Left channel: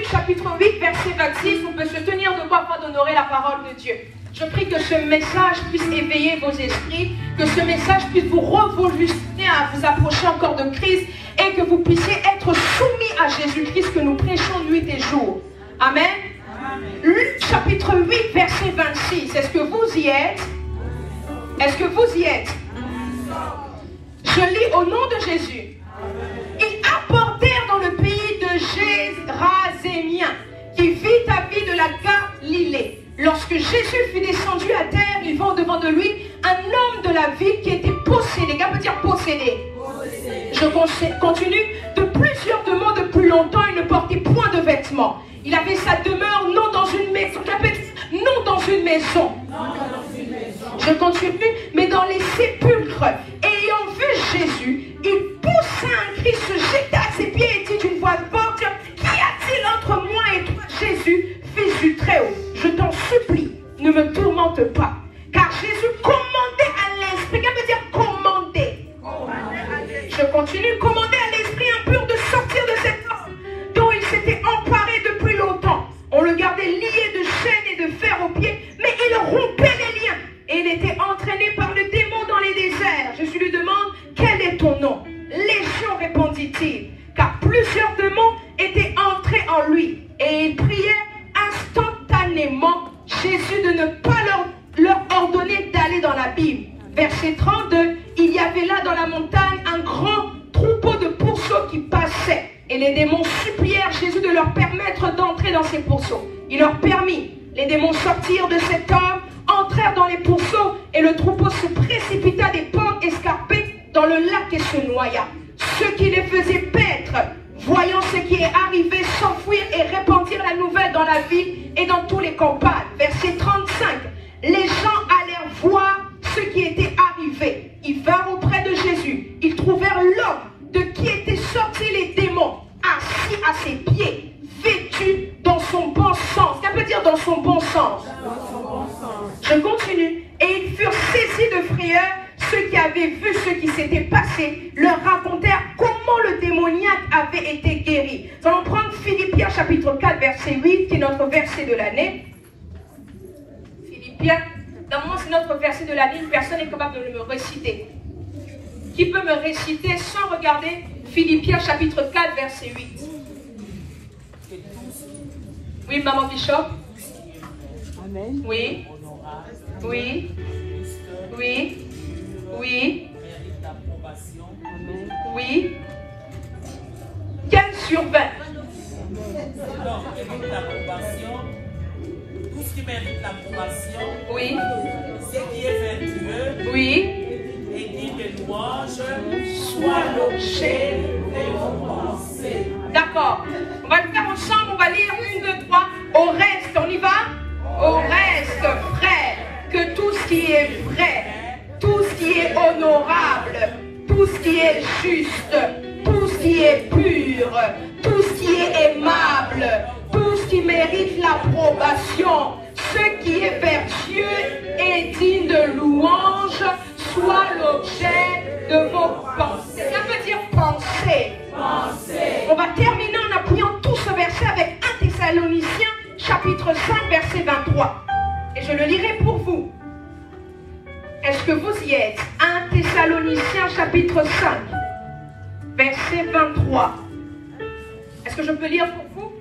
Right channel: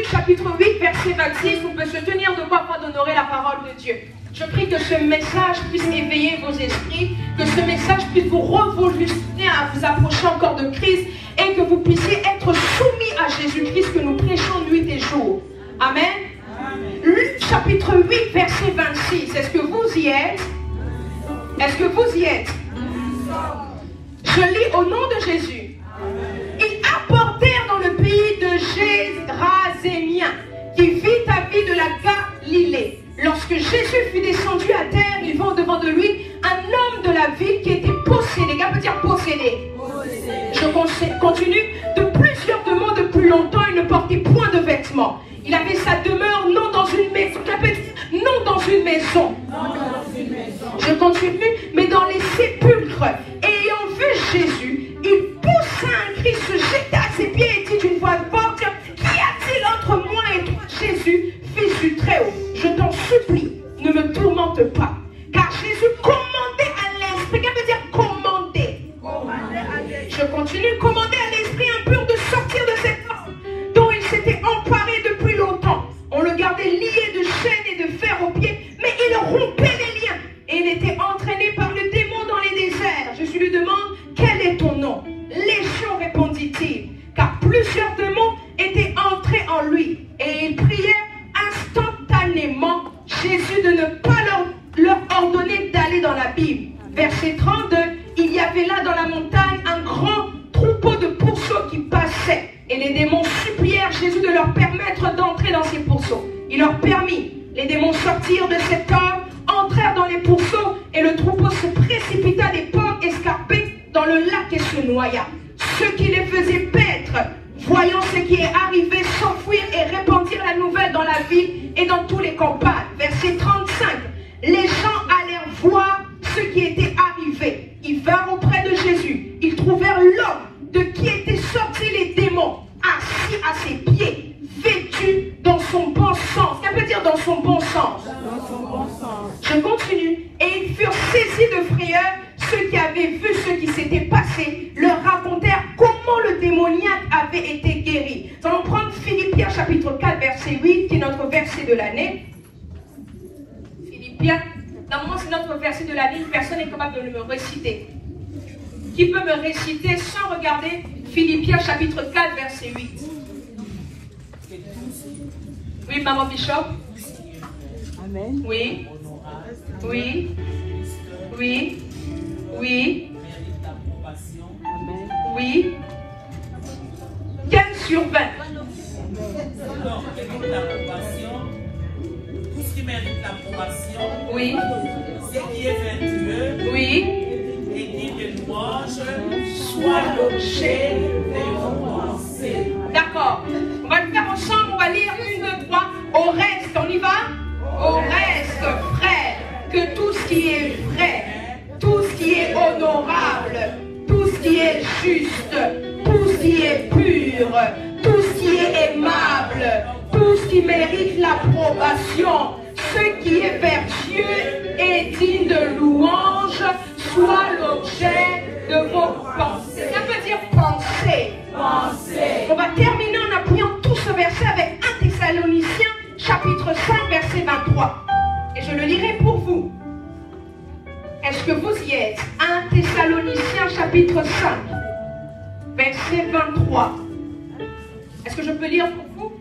Luc chapitre 8, verset 26, on peut se tenir debout afin d'honorer la parole de Dieu. Je prie que ce message puisse éveiller vos esprits, que ce message puisse vous revolutionner à vous approcher encore de Christ et que vous puissiez être soumis à Jésus-Christ que nous prêchons nuit et jour. Amen. Amen. Luc chapitre 8, verset 26. Est-ce que vous y êtes? Est-ce que vous y êtes? Je lis au nom de Jésus. Ils apportèrent dans le pays de Gérasémien, qui vit à vie de la Galilée. Lorsque Jésus fut descendu à terre, il vit devant de lui un homme de la ville qui était possédé. Qu'est-ce que veut dire possédé? Je continue. De plusieurs mois depuis longtemps, il ne portait point de vêtements. Il avait sa demeure non dans une maison. Non dans une maison. Je continue, mais dans les sépulcres. Et ayant vu Jésus, il poussa un cri, se jeta à ses pieds et dit d'une voix forte: Qu'y a-t-il entre moi et toi, Jésus, fils du Très-Haut? Je t'en supplie, ne me tourmente pas. Car Jésus commandait à l'esprit. Qu'est-ce que veut dire commander? Je continue, commander à l'esprit impur de sortir de cet homme dont il s'était emparé depuis longtemps. On le gardait lié de chaînes et de fer aux pieds, mais il rompait les liens. Et il était entraîné par le démon dans les déserts. Jésus lui demande: Quel est ton nom? Légion, répondit-il, car plusieurs démons étaient entrés en lui. Et il priait instantanément Jésus de ne pas leur ordonner d'aller dans l'abîme. Verset 32, il y avait là dans la montagne un grand troupeau de pourceaux qui passaient. Et les démons supplièrent Jésus de leur permettre d'entrer dans ces pourceaux. Il leur permit. Les démons sortirent de cet homme, entrèrent dans les pourceaux, et le troupeau se précipita des pentes escarpées dans le lac et se noya. Ceux qui les faisaient paître, voyant ce qui est arrivé, s'enfuirent et répandirent la nouvelle dans la ville et dans tous les campagnes. Verset 35. Les gens allèrent voir ce qui était arrivé. Ils vinrent auprès de Jésus. Ils trouvèrent l'homme de qui étaient sortis les démons, assis à ses pieds, vêtu dans son bon sens. Qu'est-ce que veut dire dans son bon sens? Dans son bon sens. Je continue. Et ils furent saisis de frayeur. Ceux qui avaient vu ce qui s'était passé leur racontèrent comment le démoniaque avait été guéri. Nous allons prendre Philippiens chapitre 4 verset 8 qui est notre verset de l'année. Philippiens, normalement c'est notre verset de l'année, personne n'est capable de le réciter. Qui peut me réciter sans regarder Philippiens chapitre 4 verset 8? Oui, maman Bishop. Amen. Oui. Oui. Oui. Oui. Oui. 15 sur 20. Tout ce qui mérite l'approbation. Oui. Ce qui est vertueux. Oui. Et digne de louange. Soit l'objet de nos pensées. D'accord. On va le faire ensemble. On va lire 1, 2, 3. Au reste, on y va? Au reste, frère, que tout ce qui est vrai, tout ce qui est honorable, tout ce qui est juste, tout ce qui est pur, tout ce qui est aimable, tout ce qui mérite l'approbation, ce qui est vertueux et digne de louange, soit l'objet de vos pensées. Ça veut dire penser. On va terminer en appuyant tout ce verset avec 1 Thessaloniciens chapitre 5 verset 23. Et je le lirai pour vous. Est-ce que vous y êtes? 1 Thessaloniciens chapitre 5 verset 23. Est-ce que je peux lire pour vous?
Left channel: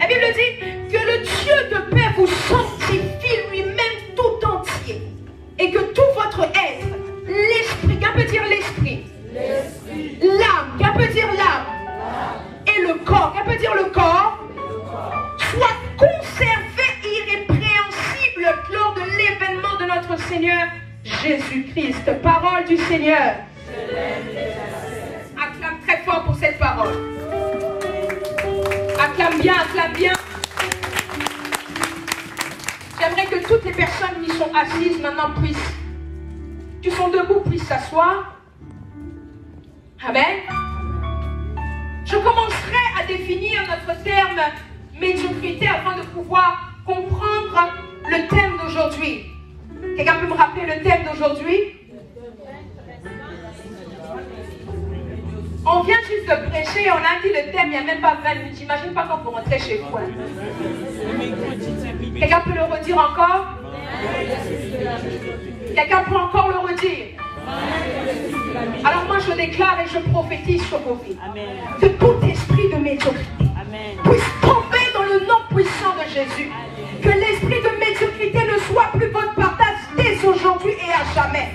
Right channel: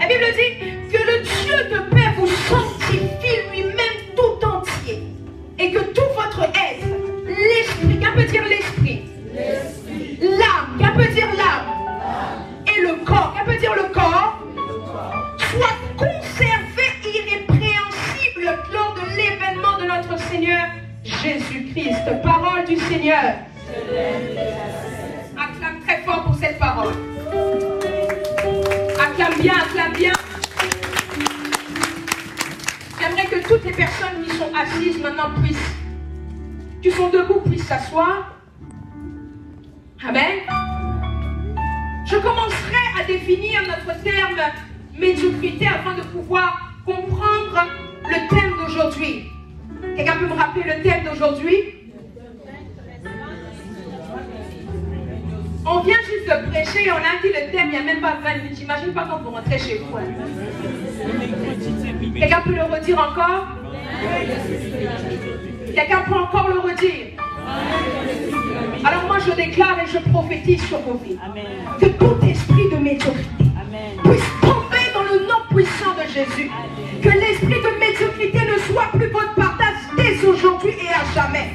La Bible dit que le Dieu de paix vous sanctifie lui-même tout entier et que tout votre être, l'esprit, qu'est-ce que peut dire l'esprit? L'âme, qu'est-ce que peut dire l'âme? Et le corps, qu'est-ce que peut dire le corps? Soit conservé irrépréhensible lors de l'événement de notre Seigneur Jésus-Christ. Parole du Seigneur. Je l'aime et je la acclame très fort pour cette parole. Acclame bien, acclame bien. J'aimerais que toutes les personnes qui sont assises maintenant qui sont debout, puissent s'asseoir. Amen. Je commencerai à définir notre terme médiocrité afin de pouvoir comprendre le thème d'aujourd'hui. Quelqu'un peut me rappeler le thème d'aujourd'hui? On vient juste que prêcher, on a dit le thème, il n'y a même pas 20 minutes. J'imagine pas quand vous rentrez chez vous. Hein. Quelqu'un peut le redire encore? Quelqu'un peut encore le redire? Alors moi je déclare et je prophétise sur vos vies. Que tout esprit de médiocrité puisse tomber dans le nom puissant de Jésus. Que l'esprit de médiocrité ne soit plus votre partage dès aujourd'hui et à jamais.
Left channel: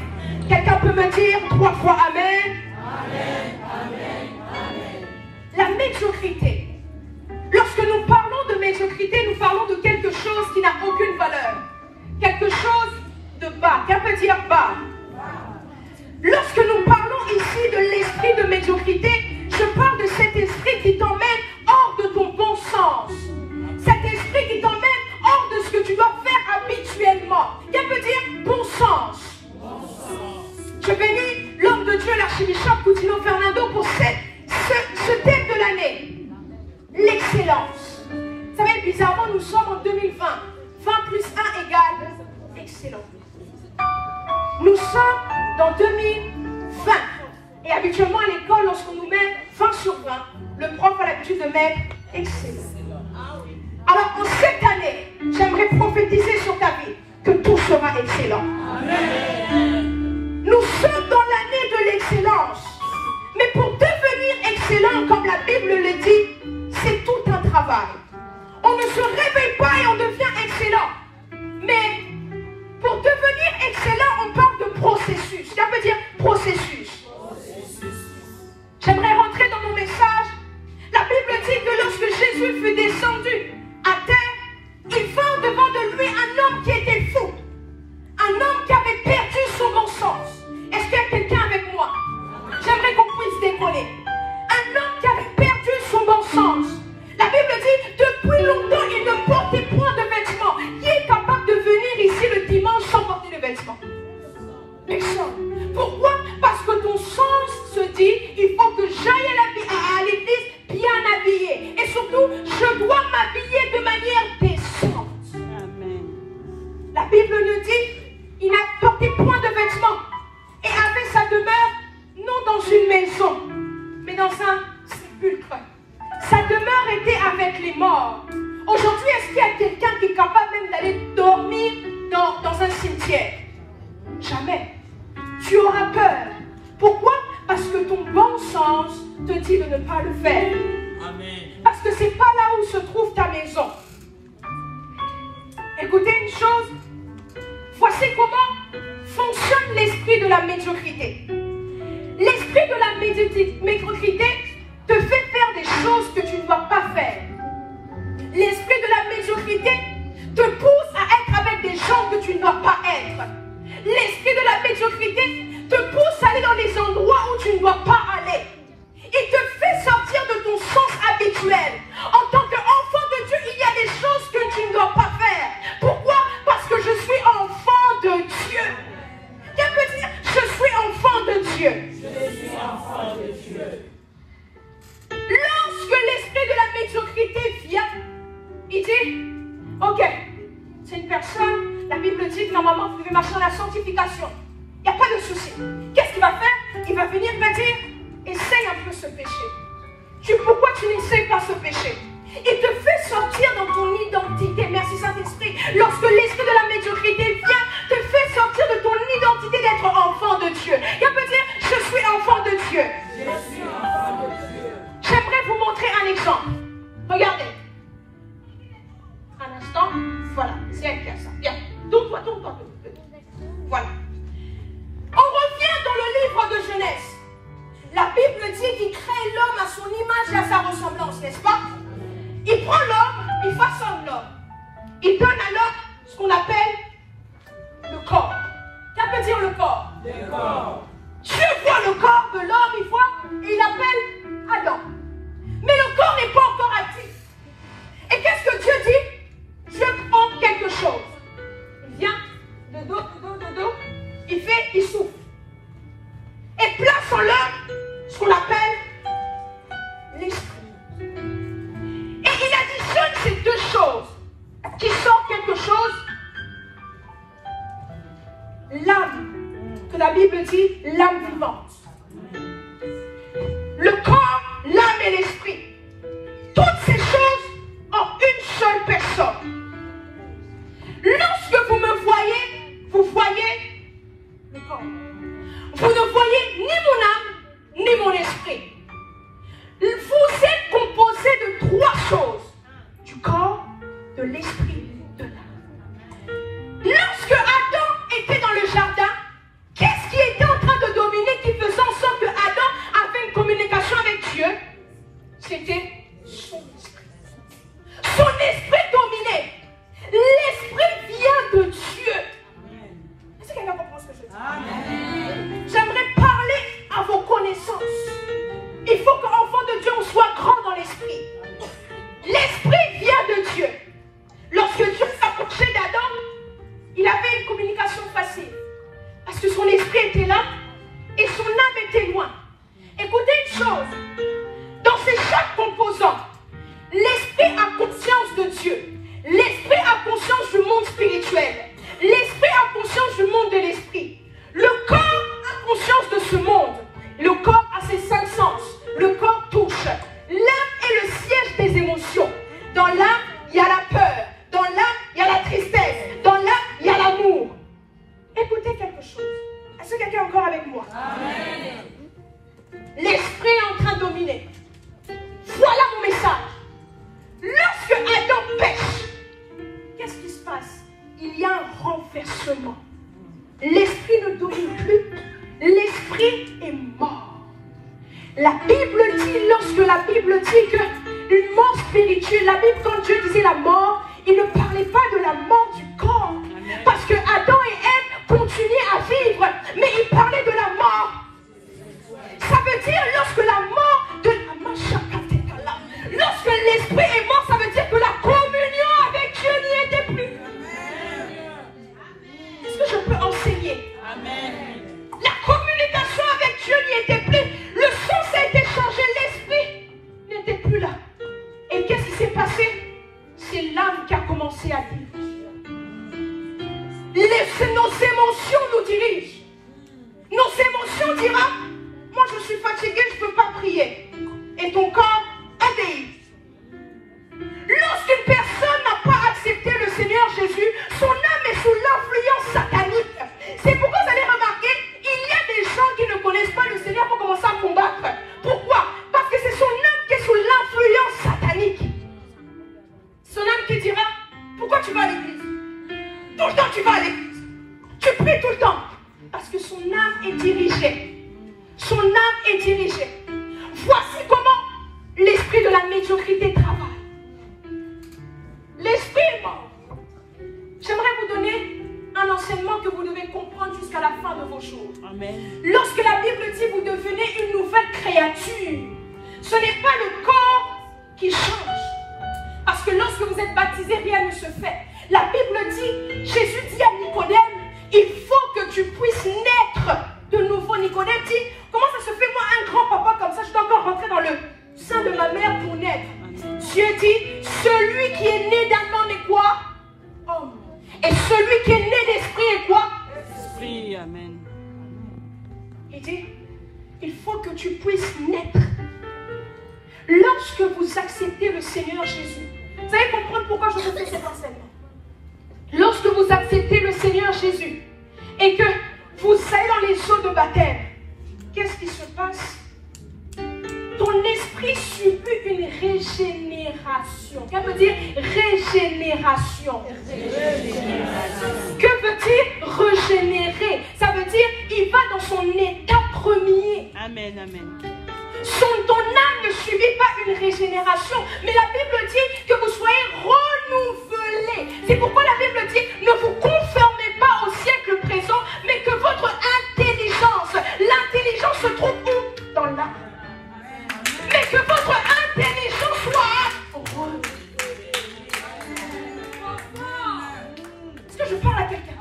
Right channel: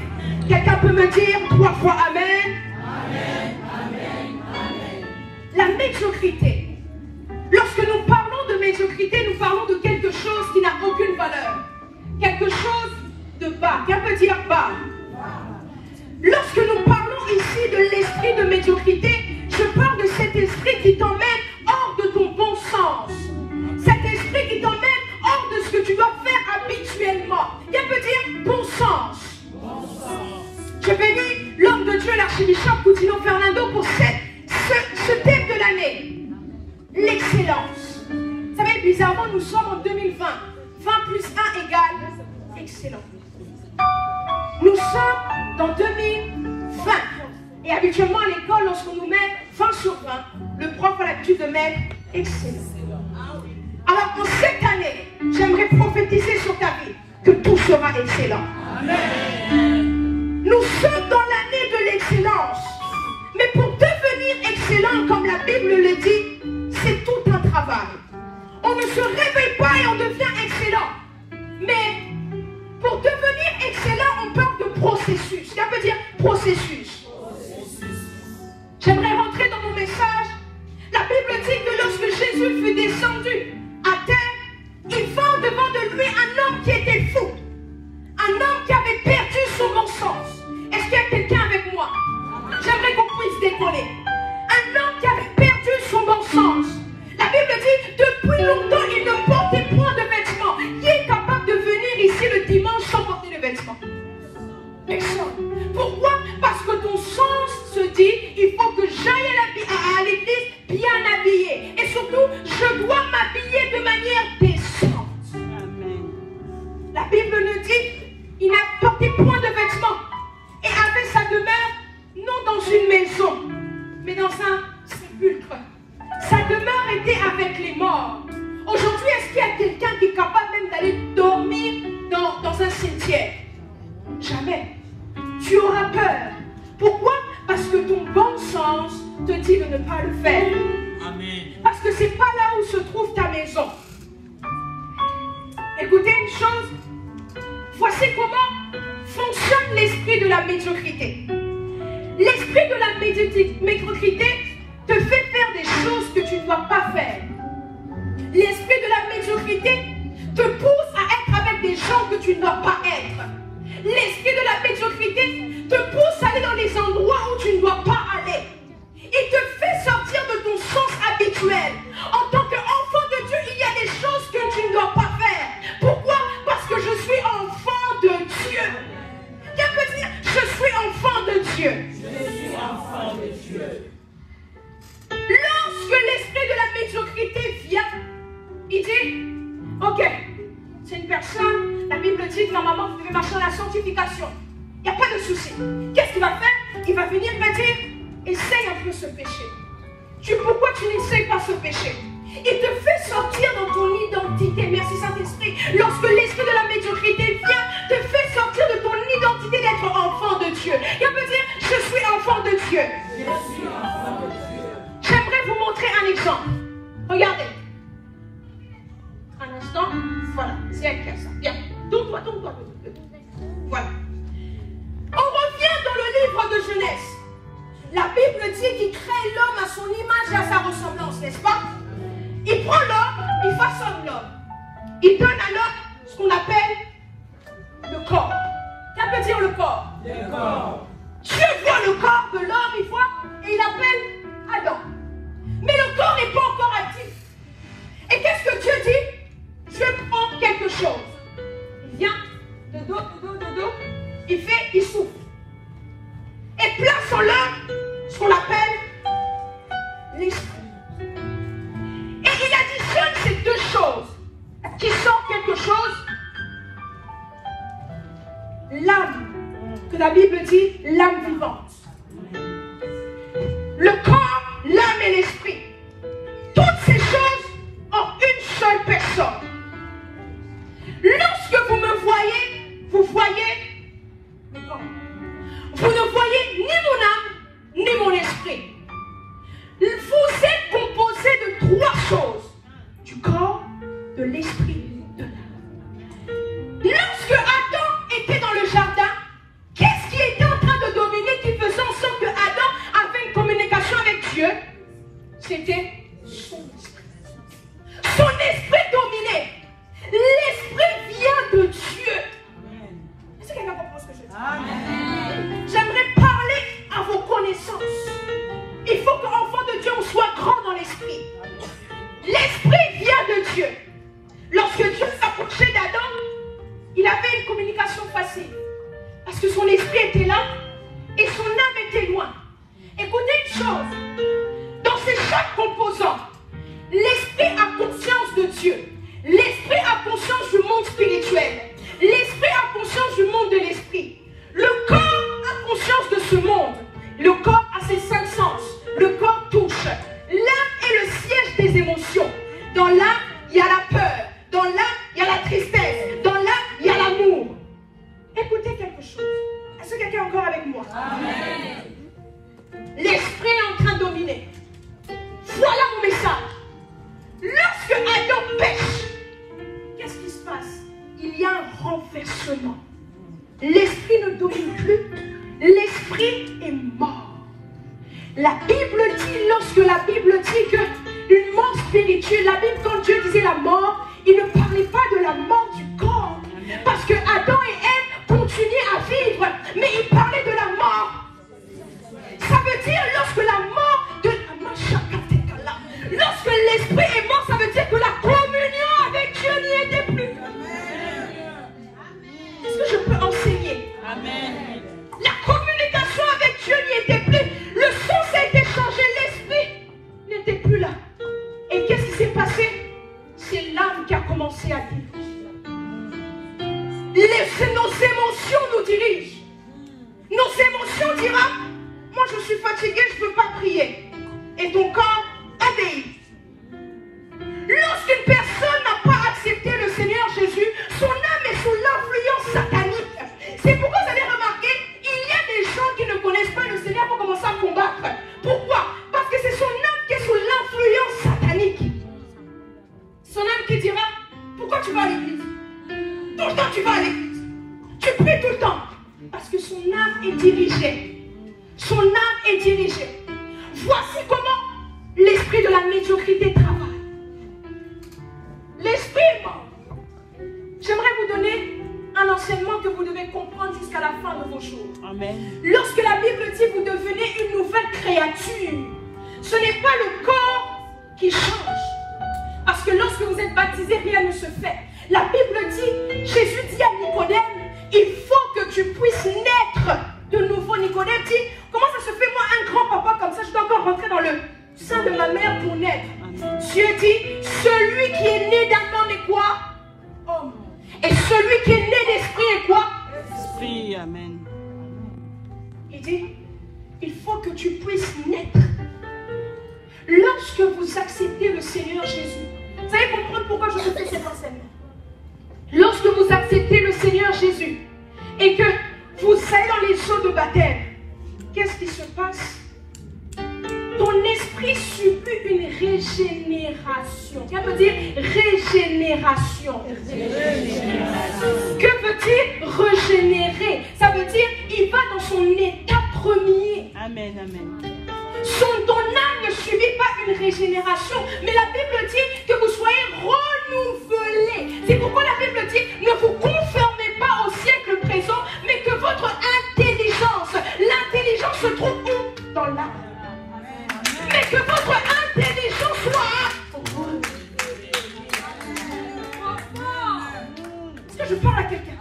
Quelqu'un peut me dire 3 fois Amen? Amen, amen, amen. La médiocrité. Lorsque nous parlons de médiocrité, nous parlons de quelque chose qui n'a aucune valeur. Quelque chose de bas. Qu'est-ce que veut dire bas? Lorsque nous parlons ici de l'esprit de médiocrité, je parle de cet esprit qui t'emmène hors de ton bon sens. Cet esprit qui t'emmène hors de ce que tu dois faire habituellement. Qu'est-ce que veut dire bon sens? Je bénis l'homme de Dieu, l'archibishop Coutinho Fernando, pour ce thème de l'année. L'excellence. Vous savez, bizarrement, nous sommes en 2020. 20 plus 1 égale excellence. Nous sommes dans 2020. Et habituellement à l'école, lorsqu'on nous met 20 sur 20, le prof a l'habitude de mettre excellent. Alors en cette année, j'aimerais prophétiser sur ta vie que tout sera excellent. Amen. Nous sommes dans l'année de l'excellence. Mais pour devenir excellent, comme la Bible le dit, c'est tout un travail. On ne se réveille pas et on devient excellent. Mais pour devenir excellent, on parle de processus. Ça veut dire processus. J'aimerais rentrer dans mon message. La Bible dit que lorsque Jésus fut descendu à terre, il vint devant de lui un homme qui était fou. Un homme qui avait perdu son bon sens. Est-ce qu'il y a quelqu'un avec moi? J'aimerais qu'on puisse décoller. Un homme qui avait perdu son bon sens. La Bible dit, depuis longtemps, il ne portait point de vêtements. Qui est capable de venir ici le dimanche sans porter de vêtements? Personne. Pourquoi? Parce que ton sens se dit, il faut que j'aille à l'église bien habillé. Et surtout, je dois m'habiller de manière décente. Amen. La Bible nous dit, il n'a porté point de vêtements. Et avait sa demeure, non dans une maison, mais dans un sépulcre. Sa demeure était avec les morts. Aujourd'hui, est-ce qu'il y a quelqu'un qui est capable même d'aller dormir dans un cimetière? Jamais. Tu auras peur. Pourquoi? Parce que ton bon sens te dit de ne pas le faire. Amen. Parce que c'est pas là où se trouve ta maison. Écoutez une chose. Voici comment fonctionne l'esprit de la médiocrité. L'esprit de la médiocrité te fait faire des choses que tu ne dois pas faire. L'esprit de la médiocrité te pousse à être avec des gens que tu ne dois pas être. L'esprit de la médiocrité te pousse à aller dans des endroits où tu ne dois pas aller. Il te fait sortir de ton sens habituel. En tant qu'enfant de Dieu, il y a des choses que tu ne dois pas faire. Pourquoi? Parce que je suis enfant de Dieu. Qu'est-ce que veut dire? Je suis enfant de Dieu. Je suis enfant de Dieu. Lorsque l'esprit de la médiocrité vient, il dit, ok, c'est une personne, la Bible dit que normalement vous devez marcher dans la sanctification. Il n'y a pas de souci. Qu'est-ce qu'il va faire? Il va venir me dire, essaie un peu ce péché. Pourquoi tu n'essayes pas ce péché? Il te fait sortir dans ton identité. Merci Saint-Esprit. Lorsque l'esprit de la médiocrité vient, te fait sortir de ton identité d'être enfant de Dieu. Il veut dire, je suis enfant de Dieu. Je suis enfant de Dieu. J'aimerais vous montrer un exemple. Regardez. Un instant. Voilà. C'est elle qui a ça. Bien. Tourne-toi. Voilà. On revient dans le livre de Genèse. La Bible dit qu'il crée l'homme à son image et à sa ressemblance, n'est-ce pas? Il prend l'homme, il façonne l'homme. Il donne à l'homme ce qu'on appelle le corps. Qu'est-ce que veut dire le corps? Le corps. Dieu voit le corps de l'homme, il voit, et il appelle Adam. Mais le corps n'est pas encore actif. Et qu'est-ce que Dieu dit? Dieu prend quelque chose. Il vient, de dos, il souffle. Et place en l'homme ce qu'on appelle l'esprit. Et il additionne ces deux choses qui sont quelque chose, l'âme, que la Bible dit l'âme vivante. Le corps, l'esprit était là et son âme était loin. Écoutez une chose, dans ces chaque composant, l'esprit a conscience de Dieu, l'esprit a conscience du monde spirituel, l'esprit a conscience du monde de l'esprit, le corps a conscience de ce monde, le corps a ses 5 sens, le corps touche, l'âme est le siège des émotions. Dans l'âme, il y a la peur, dans l'âme, il y a la tristesse, dans l'âme, il y a l'amour. Écoutez quelque chose. Est-ce que quelqu'un est encore avec moi? Amen. L'esprit est en train de dominer. Voilà mon message. Lorsque Adam pêche, qu'est-ce qui se passe? Il y a un renversement. L'esprit ne domine plus. L'esprit est mort. La Bible dit, lorsque la Bible dit qu'une mort spirituelle, la Bible, quand Dieu disait la mort, il ne parlait pas de la mort du corps. Amen. Parce que Adam et Ève continuaient à vivre, mais il parlait de la mort. Ça veut dire lorsque la mort de lorsque l'esprit est mort, ça veut dire que la communion avec Dieu n'y était plus. Est-ce que je peux enseigner? Amen. La communication avec Dieu n'y était plus. Le sens a été changé, l'esprit n'était plus là. Et qu'est-ce qui s'est passé? C'est l'âme qui a commencé à vivre. Nos émotions nous dirigent. Nos émotions diront, moi je suis fatigué, je ne peux pas prier. Et ton corps obéit. Lorsqu'une personne n'a pas accepté le Seigneur Jésus, son âme est sous l'influence satanique. C'est pourquoi vous allez remarquer, il y a des gens qui ne connaissent pas le Seigneur pour commencer à combattre. Pourquoi? Parce que c'est son âme qui est sous l'influence satanique. Son âme qui dira, pourquoi tu vas à l'église? Tout le temps tu vas à l'église. Tu pries tout le temps. Parce que son âme est dirigée. Son âme est dirigée. Voici comment l'esprit de la médiocrité travaille. L'esprit est mort. J'aimerais vous donner un enseignement que vous devez comprendre jusqu'à la fin de vos jours. Amen. Lorsque la Bible dit vous devenez une nouvelle créature, ce n'est pas le corps qui change. Parce que lorsque vous êtes baptisé, rien ne se fait. La Bible dit, Jésus dit à Nicodème, il faut que tu puisses naître de nouveau. Nicodème dit, comment ça se fait moi un grand papa comme ça, je dois encore rentrer dans le sein de ma mère pour naître? Dieu dit, celui qui est né d'un homme est quoi? Homme. Et celui qui est né d'esprit est quoi? Esprit. Amen. Il dit, il faut que tu puisses naître. Lorsque vous acceptez le Seigneur Jésus, vous allez comprendre pourquoi je vous fais cet enseignement. Lorsque vous acceptez le Seigneur Jésus et que vous allez dans les eaux de baptême, qu'est-ce qui se passe? Ton esprit subit une régénération. Qu'est-ce que veut dire régénération? Que veut dire régénérer? Ça veut dire il va dans son état premier. Amen, amen. Ton âme ne subit pas une régénération, mais la Bible dit que vous soyez renouvelés. C'est pourquoi la Bible dit ne vous conformez pas au siècle présent, mais que votre intelligence, l'intelligence se trouve où? Dans l'âme. Mais que votre intelligence soit renouvelée. Est-ce que je parle à quelqu'un?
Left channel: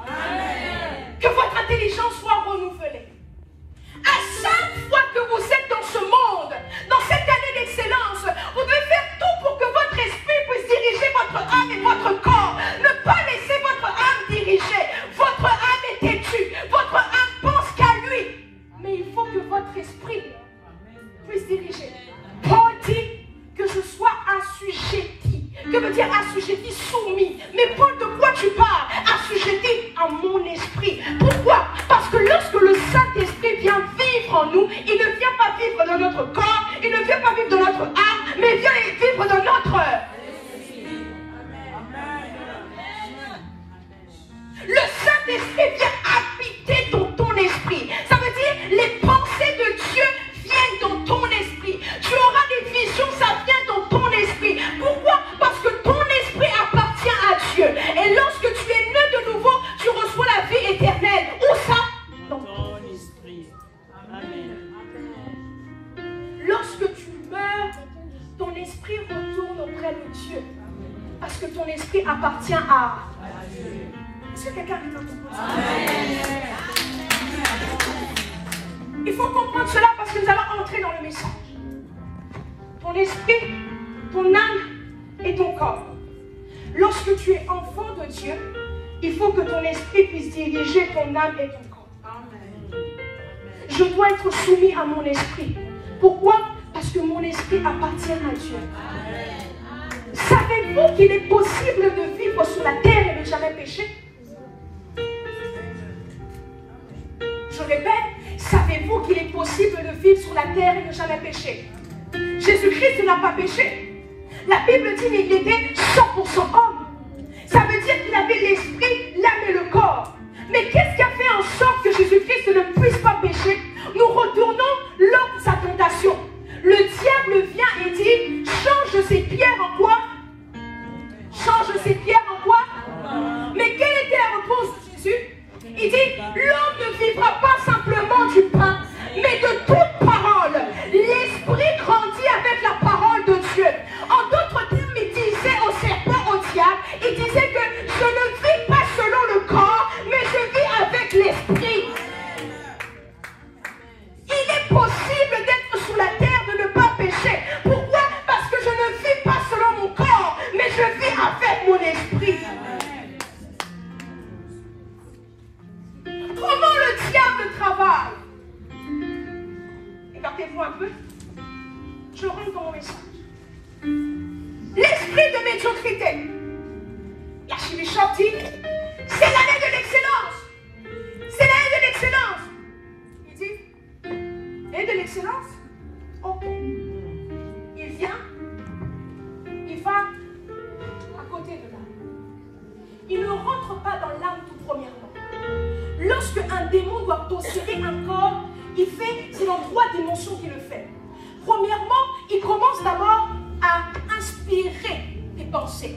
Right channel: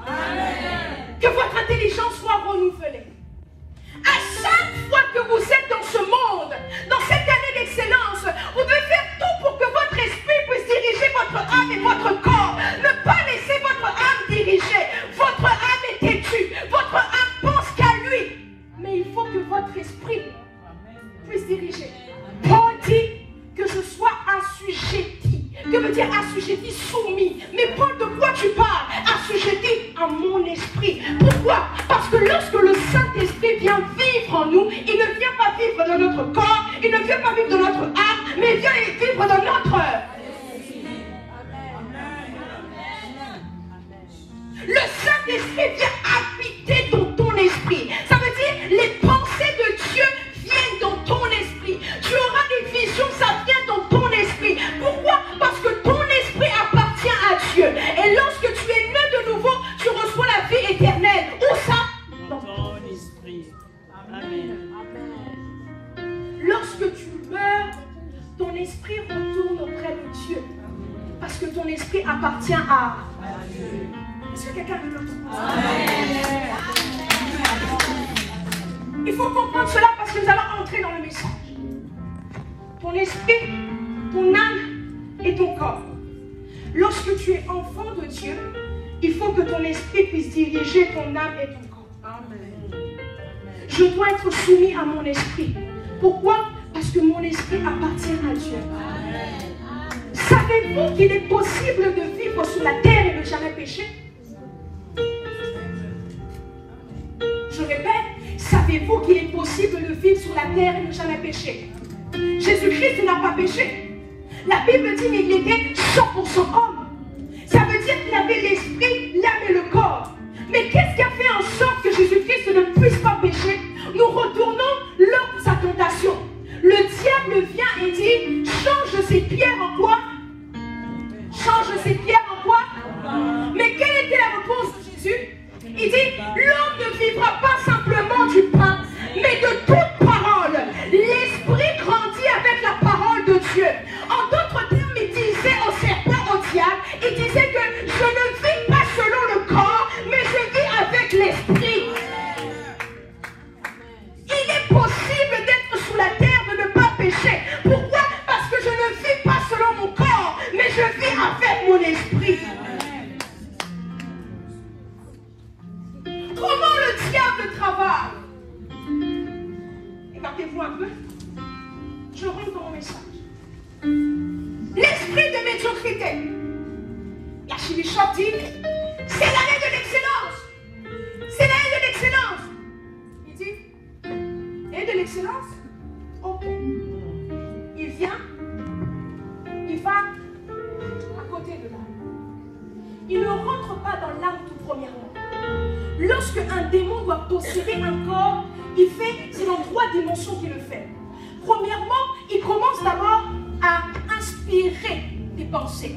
Que votre intelligence soit renouvelée. À chaque fois que vous êtes dans ce monde, dans cette année d'excellence, vous devez faire tout pour que votre esprit puisse diriger votre âme et votre corps. Ne pas laisser votre âme diriger. Votre âme est têtue. Votre âme pense qu'à lui. Mais il faut que votre esprit puisse diriger. Paul dit que je sois assujetti. Que veut dire assujetti? Soumis. Mais Paul, de quoi tu parles? Assujetti à mon esprit. Pourquoi? Parce que lorsque le Saint-Esprit vient vivre en nous, il ne vient pas vivre dans notre corps, il ne vient pas vivre dans notre âme, mais il vient vivre dans notre... Le Saint-Esprit vient habiter dans ton esprit. Ça veut dire les pensées de Dieu viennent dans ton esprit. Tu auras des visions, ça vient dans ton esprit. Pourquoi? Parce que ton esprit appartient à Dieu. Et lorsque tu es né de nouveau, tu reçois la vie éternelle. Où ça? Dans ton esprit. Amen. Lorsque tu meurs, ton esprit retourne auprès de Dieu. Parce que ton esprit appartient à Dieu. Est-ce que quelqu'un veut le comprendre? Amen. Il faut comprendre cela parce que nous allons entrer dans le message. Ton esprit, ton âme et ton corps. Lorsque tu es enfant de Dieu, il faut que ton esprit puisse diriger ton âme et ton corps. Amen. Je dois être soumis à mon esprit. Pourquoi? Parce que mon esprit appartient à Dieu. Savez-vous qu'il est possible de vivre sur la terre et ne jamais pécher? Je répète, savez-vous qu'il est possible de vivre sur la terre et ne jamais pécher? Jésus-Christ n'a pas péché. La Bible dit qu'il était 100% homme. Ça veut dire qu'il avait l'esprit, l'âme et le corps. Mais qu'est-ce qui a fait en sorte que Jésus-Christ ne puisse pas pécher? Nous retournons lors de sa tentation. Le diable vient et dit, change ces pierres en quoi? Change ces pierres en quoi? Mais quelle était la réponse de Jésus? Il dit, l'homme ne vivra pas simplement du pain, mais de toute parole. L'esprit grandit avec la parole de Dieu. En d'autres termes, il disait au serpent, au diable, il disait que je ne vis pas selon le corps, mais je vis avec l'esprit. Il est possible d'être sur la terre, de ne pas pécher. Pourquoi? Parce que je ne vis pas selon mon corps, mais je vis avec mon esprit. Comment le diable travaille? Écartez-vous un peu. Je rentre dans mon message. L'esprit de médiocrité. L'archibishop dit, c'est l'année de l'excellence. C'est l'année de l'excellence. Il dit, l'année de l'excellence? Ok. Il vient, il va à côté de l'âme. Il ne rentre pas dans l'âme tout premièrement. Lorsque un démon doit posséder un corps, c'est dans 3 dimensions qu'il le fait. Premièrement, il commence d'abord à inspirer des pensées.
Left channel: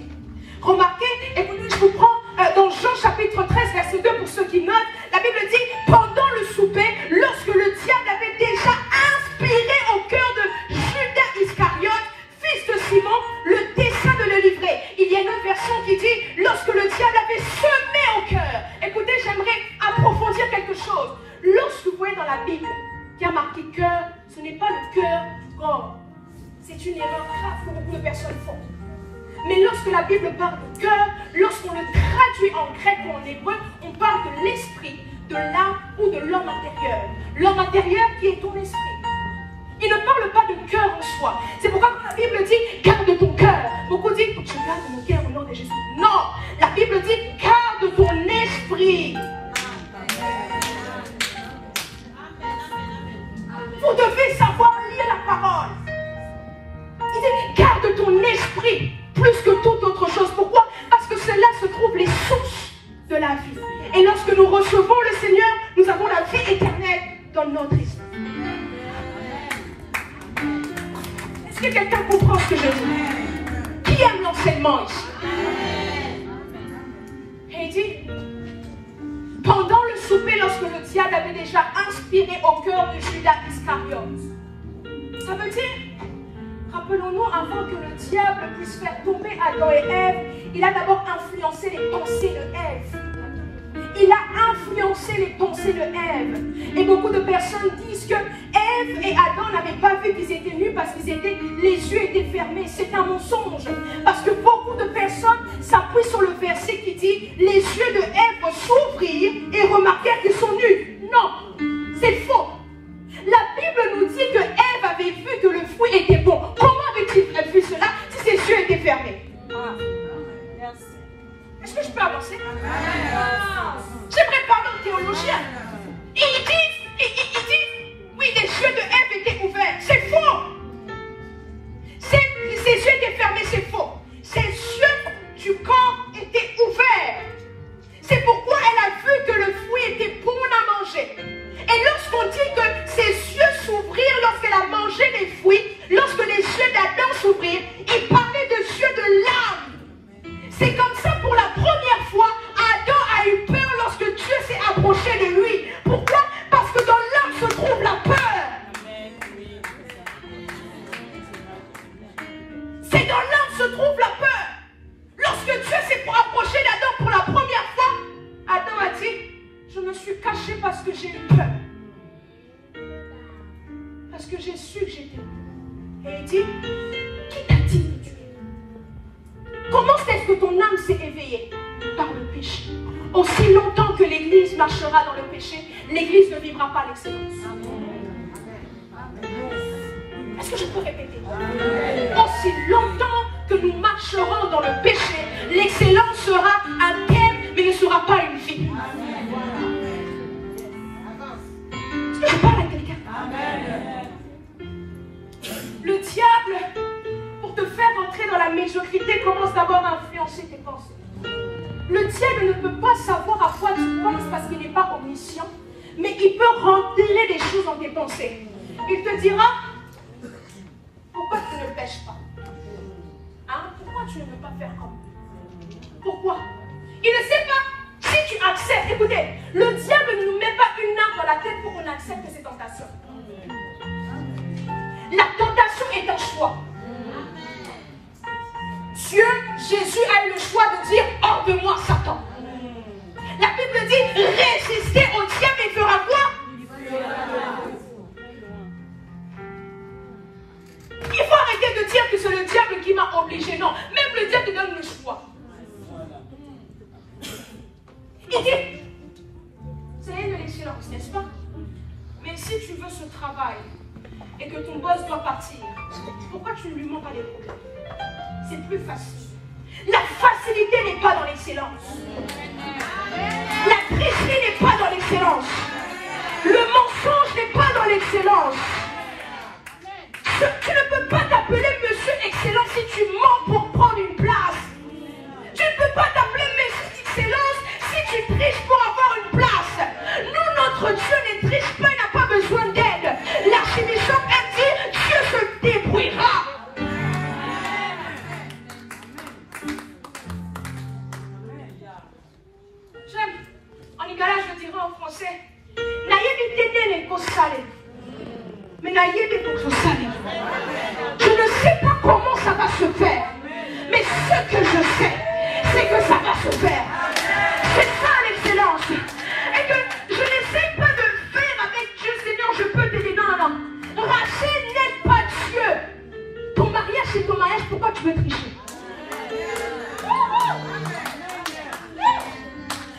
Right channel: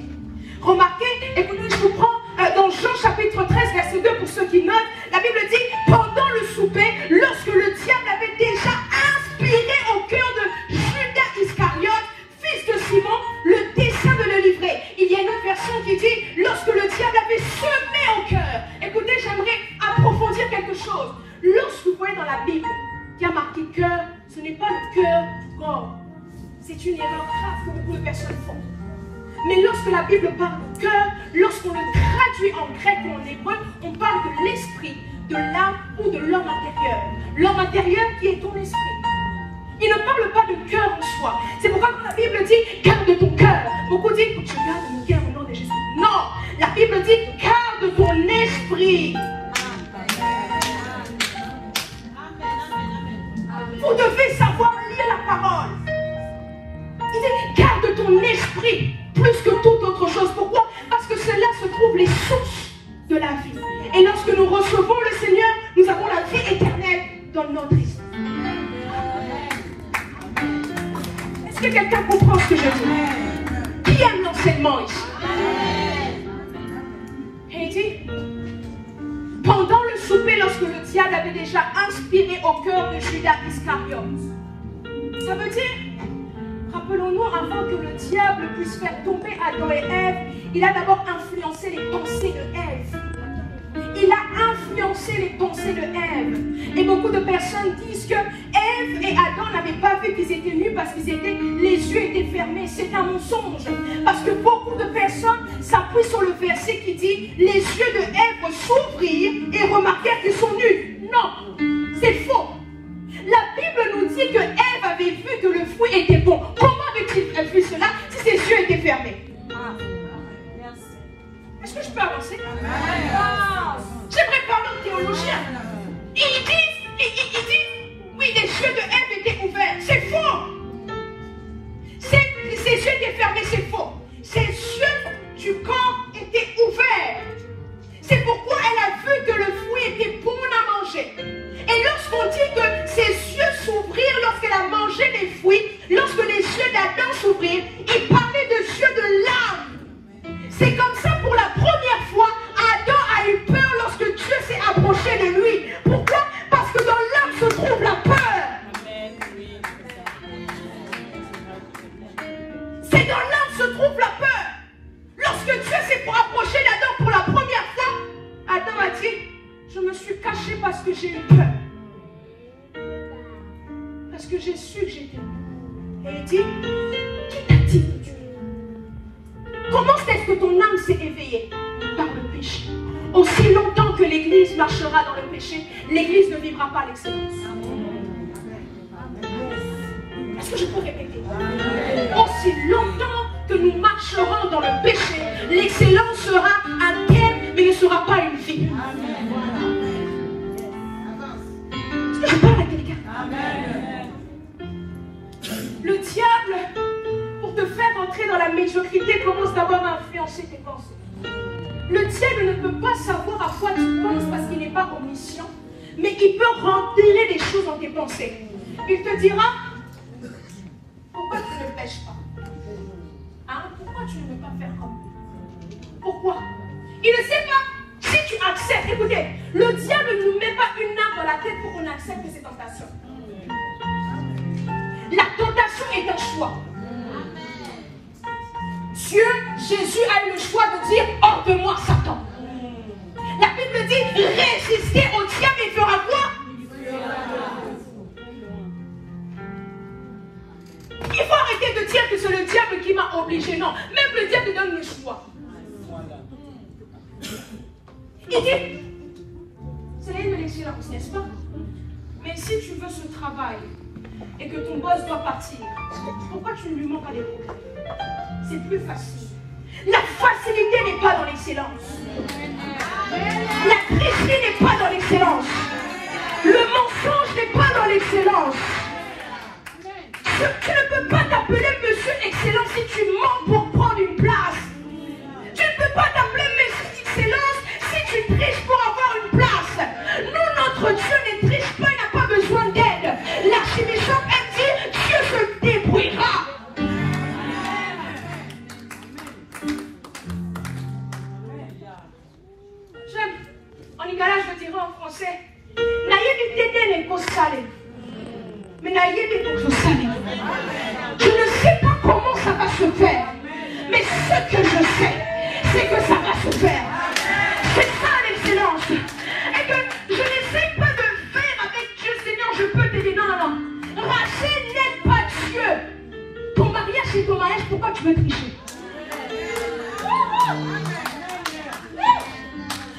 Remarquez, écoutez, je vous prends dans Jean chapitre 13, verset 2, pour ceux qui notent, la Bible dit, pendant le souper, lorsque le diable avait déjà inspiré au cœur de Judas Iscariote, fils de Simon, le dessein de le livrer. Il y a une autre version qui dit, lorsque le diable avait semé au cœur. Écoutez, j'aimerais approfondir quelque chose. Lorsque vous voyez dans la Bible, il y a marqué cœur, ce n'est pas le cœur corps. C'est une erreur grave que beaucoup de personnes font. Mais lorsque la Bible parle de cœur, lorsqu'on le traduit en grec ou en hébreu, on parle de l'esprit, de l'âme ou de l'homme intérieur. L'homme intérieur qui est ton esprit. Il ne parle pas de cœur en soi. C'est pourquoi quand la Bible dit garde ton cœur, beaucoup disent je garde mon cœur au nom de Jésus. Non, la Bible dit garde ton esprit. Vous devez savoir lire la parole. Il dit garde ton esprit plus que toute autre chose. Pourquoi? Parce que c'est là se trouvent les sources de la vie. Et lorsque nous recevons le Seigneur, nous avons la vie éternelle dans notre esprit. Est-ce que quelqu'un comprend ce que je dis? Qui aime l'enseignement ici? Et il dit, pendant le souper, lorsque le diable avait déjà inspiré au cœur de Judas Iscariote, ça veut dire, rappelons-nous, avant que le diable puisse faire tomber Adam et Ève, il a d'abord influencé les pensées de Ève. Il a influencé les pensées de Ève. Et beaucoup de personnes disent que Ève et Adam n'avaient pas vu qu'ils étaient nus parce qu'ils étaient, les yeux étaient fermés. C'est un mensonge. Parce que beaucoup de personnes s'appuient sur le verset qui dit les yeux de Ève s'ouvrirent et remarquèrent qu'ils sont nus. Non, c'est faux. La Bible nous dit que Ève avait vu que le fruit était bon. Comment avait-il vu cela si ses yeux étaient fermés? Est-ce que je peux avancer? J'aimerais parler aux théologiens. Ils disent, oui, les yeux de Ève étaient ouverts. C'est faux. Ses yeux étaient fermés, c'est faux. Ses yeux du corps étaient ouverts. C'est pourquoi elle a vu que le fruit était bon à manger. Et lorsqu'on dit que ses yeux s'ouvrirent lorsqu'elle a mangé les fruits, lorsque les yeux d'Adam s'ouvrirent, il parlait de yeux de l'âme. C'est comme ça pour la première fois, Adam a eu peur lorsque Dieu s'est approché de lui. Pourquoi? Parce que dans l'âme se trouve la peur. j'ai su que j'étais. Et il dit, qui t'a dit que tu es? Comment est-ce que ton âme s'est éveillée? Par le péché. Aussi longtemps que l'Église marchera dans le péché, l'Église ne vivra pas l'excellence. Est-ce que je peux répéter? Aussi longtemps que nous marcherons dans le péché, l'excellence sera un thème, mais ne sera pas une vie. Est-ce que je parle à quelqu'un? Le diable, pour te faire entrer dans la médiocrité, commence d'abord à influencer tes pensées. Le diable ne peut pas savoir à quoi tu penses parce qu'il n'est pas omniscient, mais il peut rentrer des choses dans tes pensées. Il te dira, pourquoi tu ne pêches pas? Hein? Pourquoi tu ne veux pas faire comme lui? Pourquoi? Il ne sait pas. Si tu acceptes, écoutez, le diable ne nous met pas une arme dans la tête pour qu'on accepte ses tentations. La tentation est un choix. Dieu, Jésus a eu le choix de dire, hors de moi, Satan. La Bible dit, résistez au diable et il fera quoi? Il faut arrêter de dire que c'est le diable qui m'a obligé. Non, même le diable te donne le choix. Il dit, c'est de l'excellence, n'est-ce pas? Mais si tu veux ce travail et que ton boss doit partir, pourquoi tu ne lui montres pas des problèmes? C'est plus facile. La facilité n'est pas dans l'excellence. La tricherie n'est pas dans l'excellence. Le mensonge n'est pas dans l'excellence. Tu ne peux pas t'appeler Monsieur Excellent si tu mens pour prendre une place. Tu ne peux pas t'appeler Monsieur Excellence si tu triches pour avoir une place. Nous, notre Dieu ne triche pas, il n'a pas besoin d'aide. L'archibishop a dit, Dieu se débrouillera. J'aime, en Igala, je dirais en français, mais je ne sais pas comment ça va se faire. Mais ce que je sais, c'est que ça va se faire. C'est ça l'excellence. Et que je n'essaie pas de faire avec Dieu, Seigneur, je peux t'aider. Non, non, non. Rachel n'aide pas Dieu. Ton mariage, c'est ton mariage, pourquoi tu veux tricher?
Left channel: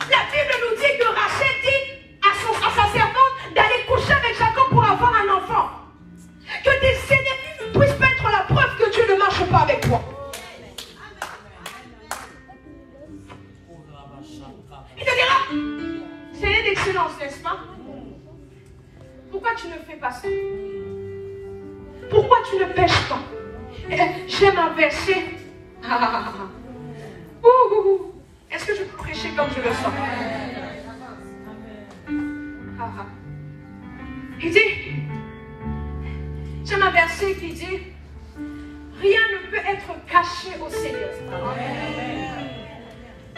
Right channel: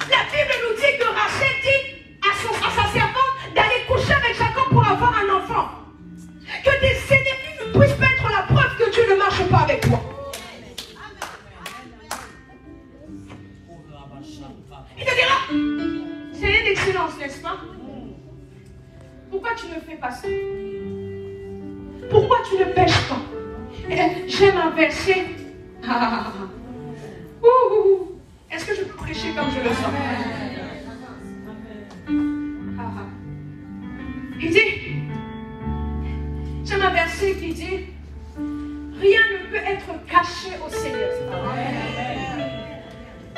La Bible nous dit que Rachel dit à sa servante d'aller coucher avec Jacob pour avoir un enfant. Que tes ennemis ne puissent pas être la preuve que Dieu ne marche pas avec toi. Il te dira, c'est une excellence, n'est-ce pas? Pourquoi tu ne fais pas ça? Pourquoi tu ne pêches pas? J'aime un verset. Est-ce que je peux prêcher comme je le sens? Il dit, j'aime un verset qui dit, rien ne peut être caché au Seigneur.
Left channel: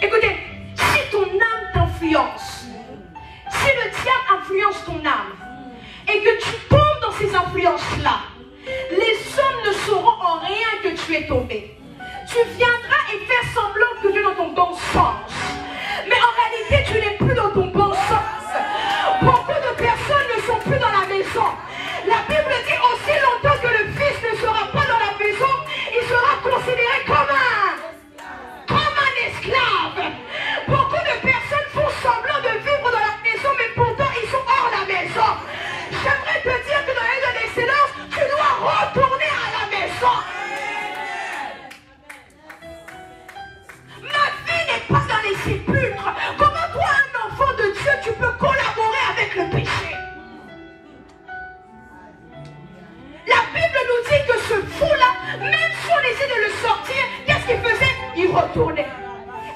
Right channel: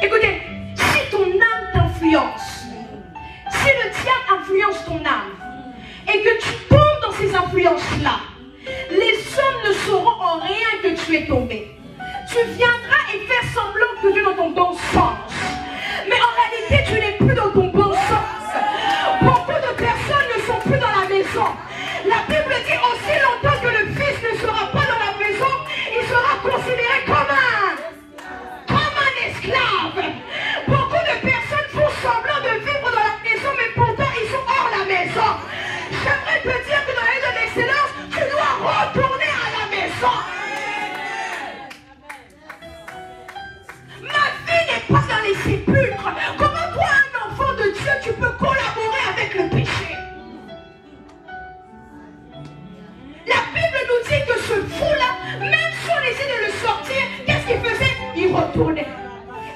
Écoutez, si ton âme t'influence, si le diable influence ton âme, et que tu tombes dans ces influences-là, les hommes ne sauront en rien que tu es tombé. Tu viendras et faire semblant que tu es dans ton bon sens. Mais en réalité, tu n'es plus dans ton bon sens. Beaucoup de personnes ne sont plus dans la maison. La Bible dit aussi longtemps que le fils ne sera pas dans la maison, il sera considéré comme un esclave. Beaucoup de personnes font semblant de vivre dans la maison, mais pourtant ils sont hors la maison. J'aimerais te dire que dans la vie de l'excellence, tu dois retourner à la maison. Ma vie n'est pas dans les sépulcres. Comment toi, un enfant de Dieu, tu peux collaborer avec le péché? La Bible nous dit que ce fou-là, même si on essayait de le sortir, qu'est-ce qu'il faisait? Il retournait.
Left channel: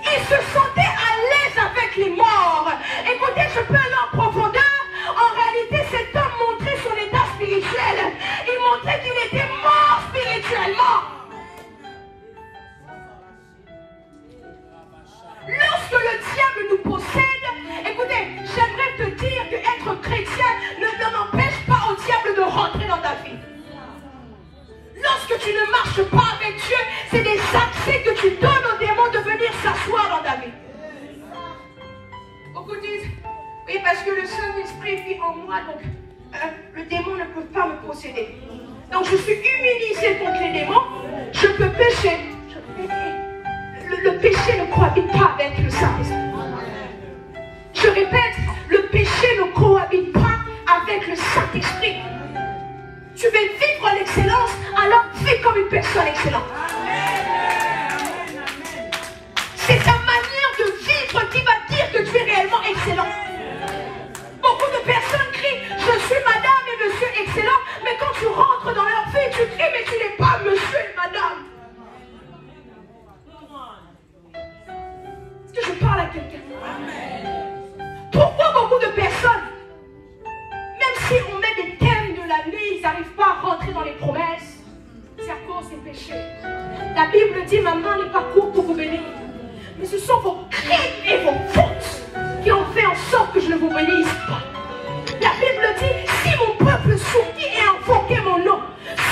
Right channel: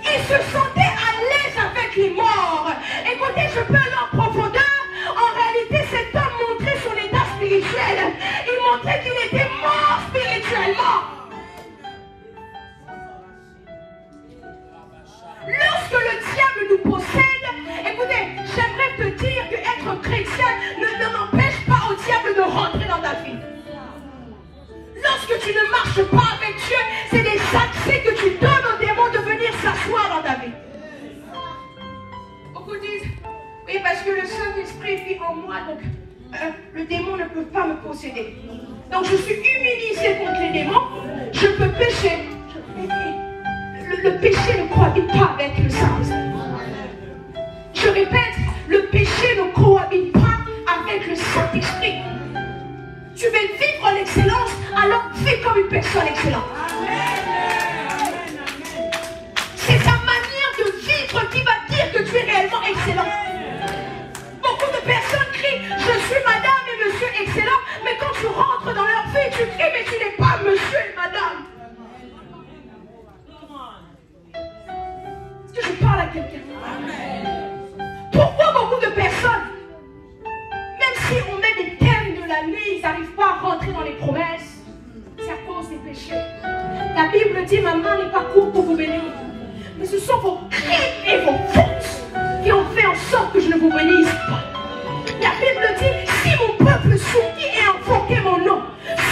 Il se sentait à l'aise avec les morts. Écoutez, je peux aller en profondeur. En réalité, cet homme montrait son état spirituel. Il montrait qu'il était mort spirituellement. Lorsque le diable nous possède, écoutez, j'aimerais te dire que être chrétien ne n'empêche pas au diable de rentrer dans ta vie. Lorsque tu ne marches pas avec Dieu, c'est des accès que tu donnes aux démons de venir s'asseoir dans ta vie. Beaucoup disent, oui, parce que le Saint-Esprit vit en moi, donc le démon ne peut pas me posséder. Donc je suis immunisée contre les démons. Je peux pécher. Le péché ne cohabite pas avec le Saint-Esprit. Je répète, le péché ne cohabite pas avec le Saint-Esprit. Tu veux vivre l'excellence, alors vis comme une personne excellente. C'est ta manière de vivre qui va dire que tu es réellement excellent. Beaucoup de personnes crient, je suis madame et monsieur excellent, mais quand tu rentres dans leur vie, tu cries, mais tu n'es pas monsieur et madame. Est-ce que je parle à quelqu'un? Pourquoi beaucoup de personnes, même si on met des thèmes de la nuit, ils n'arrivent pas à rentrer dans les promesses? C'est à cause des péchés. La Bible dit, ma main n'est pas courte pour vous bénir. Mais ce sont vos crimes et vos fautes qui ont fait en sorte que je ne vous bénisse pas. La Bible dit, si mon peuple soumis et invoqué mon nom,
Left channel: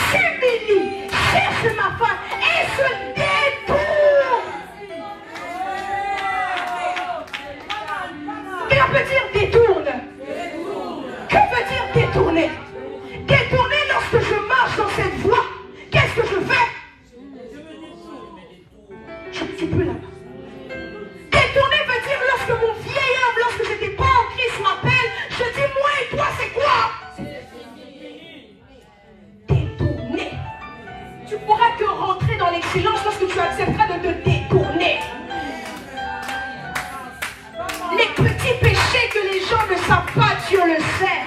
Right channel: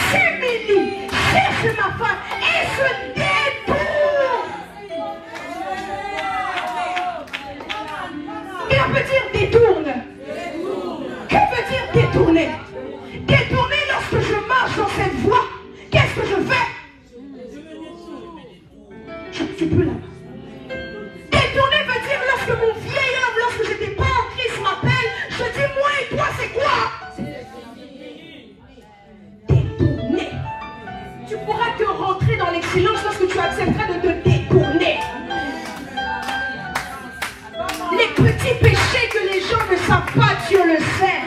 s'humilie, cherche ma face et se détourne. Et on peut dire détourne. Que veut dire détourner? Détourner lorsque je marche dans cette voie, qu'est-ce que je fais? Je ne suis plus là. Détourner veut dire lorsque mon vieil homme, lorsque je n'étais pas en Christ, m'appelle, je dis moi et toi c'est quoi? Détourner. Tu pourras te rentrer dans l'excellence lorsque tu accepteras de te détourner. Les petits péchés que les gens ne savent pas, Dieu le sait.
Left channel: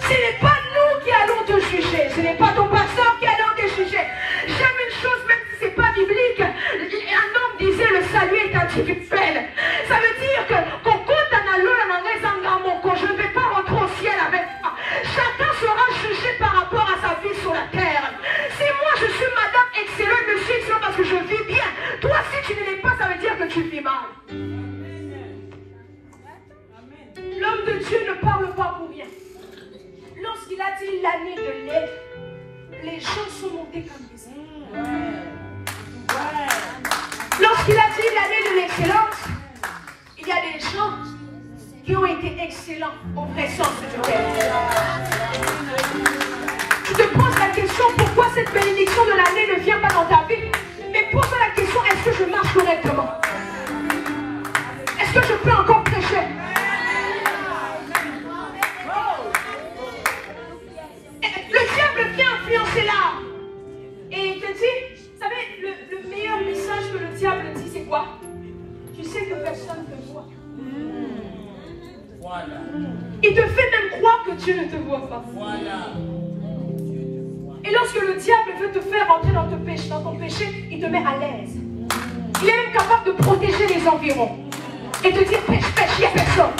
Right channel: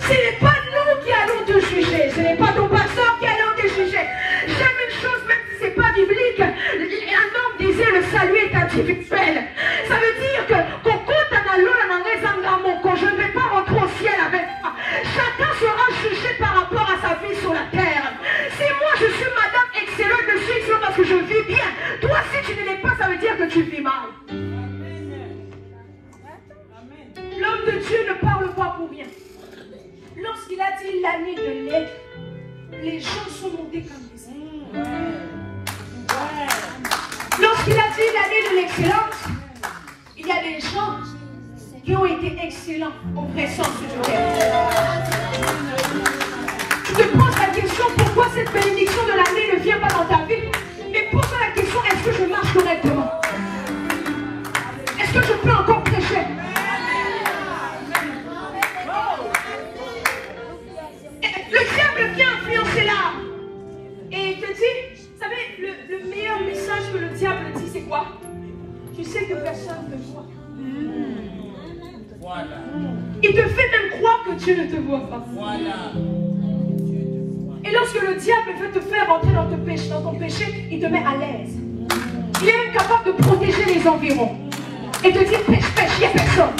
Ce n'est pas nous qui allons te juger, ce n'est pas ton pasteur qui allons te juger. J'aime une chose, même si ce n'est pas biblique, un homme disait le salut est individuel. Ça veut dire que je ne vais pas rentrer au ciel avec toi. Chacun sera jugé par rapport à sa vie sur la terre. Si moi je suis madame excellente, je suis excellente parce que je vis bien. Toi si tu ne l'es pas, ça veut dire que tu vis mal. L'homme de Dieu ne parle pas pour rien. Lorsqu'il a dit l'année de l'aide, les gens sont montés comme des ailes. Lorsqu'il a dit l'année de l'excellence, il y a des gens qui ont été excellents au vrai sens du terme. Tu te poses la question pourquoi cette bénédiction de l'année ne vient pas dans ta vie. Mais pose-toi la question, est-ce que je marche correctement? Est-ce que je peux encore prêcher? Le diable vient influencer l'âme. Et il te dit, vous savez, le meilleur message que le diable dit, c'est quoi? Tu sais que personne ne te voit. Voilà. Il te fait même croire que Dieu ne te voit pas. Voilà. Et lorsque le diable veut te faire rentrer dans ton péché, il te met à l'aise. Il est même capable de protéger les environs. Et te dire pêche, pêche, il n'y a personne.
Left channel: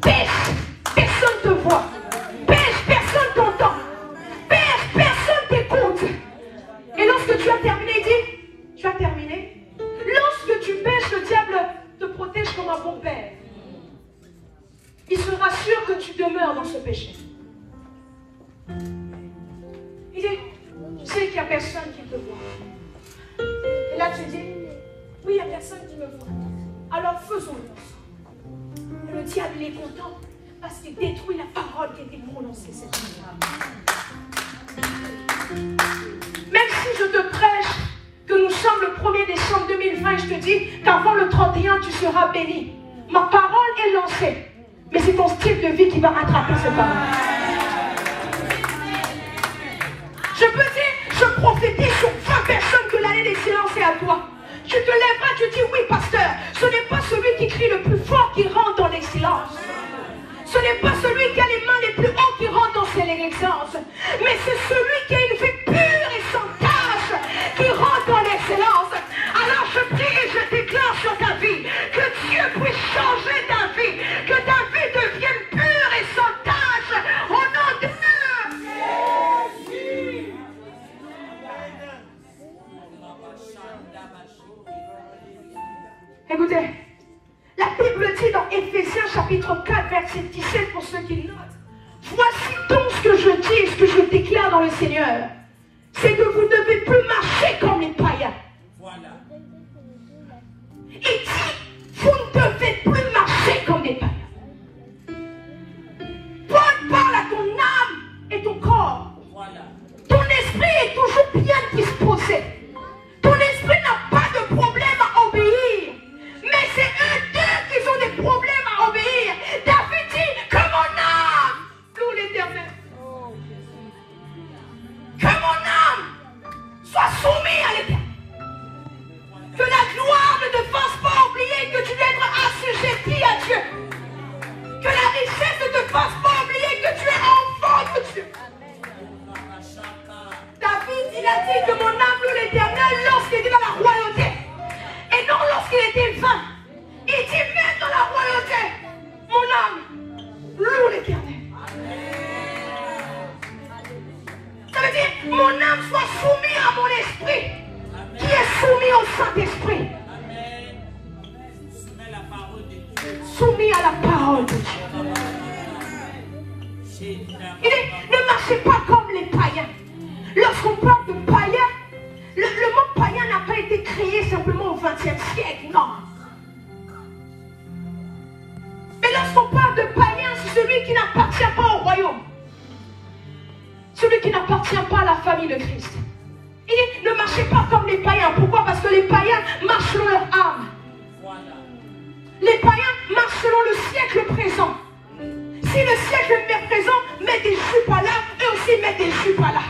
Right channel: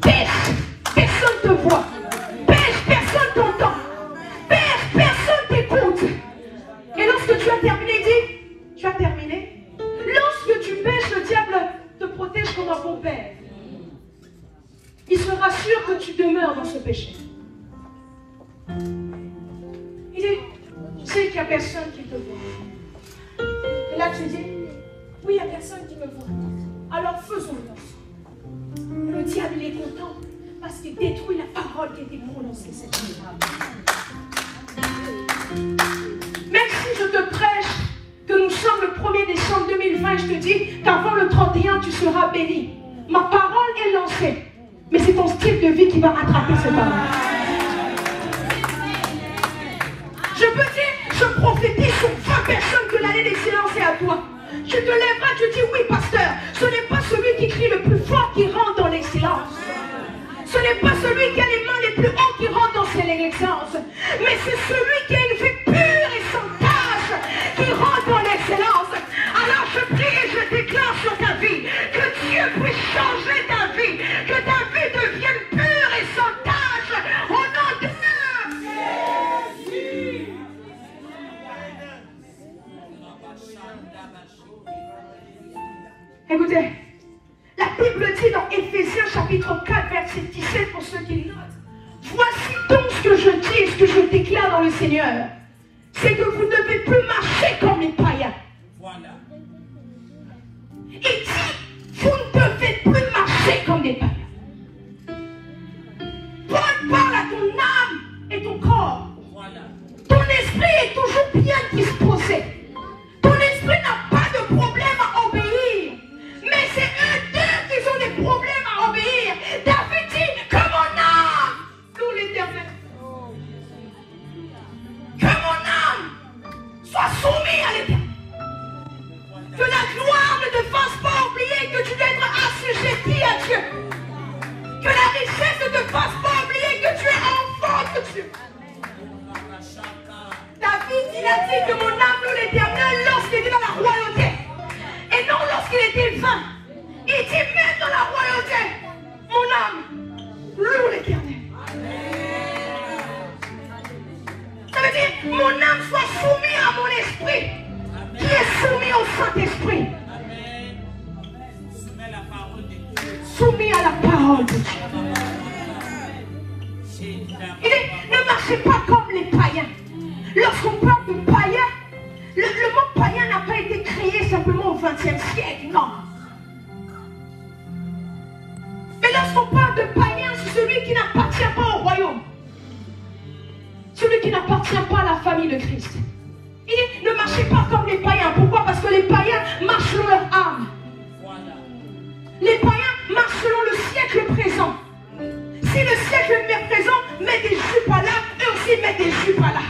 Pêche, personne te voit. Pêche, personne t'entend. Pêche, personne t'écoute. Et lorsque tu as terminé, dis, tu as terminé. Lorsque tu pêches, le diable te protège comme un bon père. Il se rassure que tu demeures dans ce péché. Il dit, tu sais qu'il n'y a personne qui te voit. Et là tu dis, oui, il n'y a personne qui me voit. Alors faisons-le ensemble. Le diable il est content parce qu'il détruit la parole qui a été prononcée cette nuit. Même si je te prêche que nous sommes le 1er décembre 2020, je te dis qu'avant le 31 tu seras béni. Ma parole est lancée. Mais c'est ton style de vie qui va rattraper ces paroles. Je peux dire, je prophétise sur 20 personnes que l'année d'excellence est à toi. Tu te lèveras, tu dis oui pasteur, ce n'est pas celui qui crie le plus fort qui rentre dans l'excellence. Ce n'est pas celui qui a les mains les plus hautes qui rentre dans l'excellence. Mais c'est celui qui a une vie pure et sans tache qui rentre dans l'excellence. Alors je prie et je déclare sur ta vie que Dieu puisse changer ta vie, que ta vie devienne pure et sans tache au nom de Jésus. Écoutez, la Bible dit dans Éphésiens chapitre 4 verset 17 pour ceux qui notent. Voici donc ce que je dis, ce que je déclare dans le Seigneur. C'est que vous ne devez plus marcher comme les païens. Voilà. Il dit, vous ne devez plus marcher comme les païens. Paul parle à ton au Saint-Esprit. Soumis à la parole de Dieu. Il dit, ne marchez pas comme les païens. Lorsqu'on parle de païens, le mot païen n'a pas été créé simplement au XXe siècle, non. Mais lorsqu'on parle de païen, c'est celui qui n'appartient pas au royaume. Celui qui n'appartient pas à la famille de Christ. Il dit, ne marchez pas comme les païens. Pourquoi? Parce que les païens marchent selon leur âme. Les païens marchent selon le siècle présent. Si le siècle présent met des jupes à là, eux aussi mettent des jupes à là.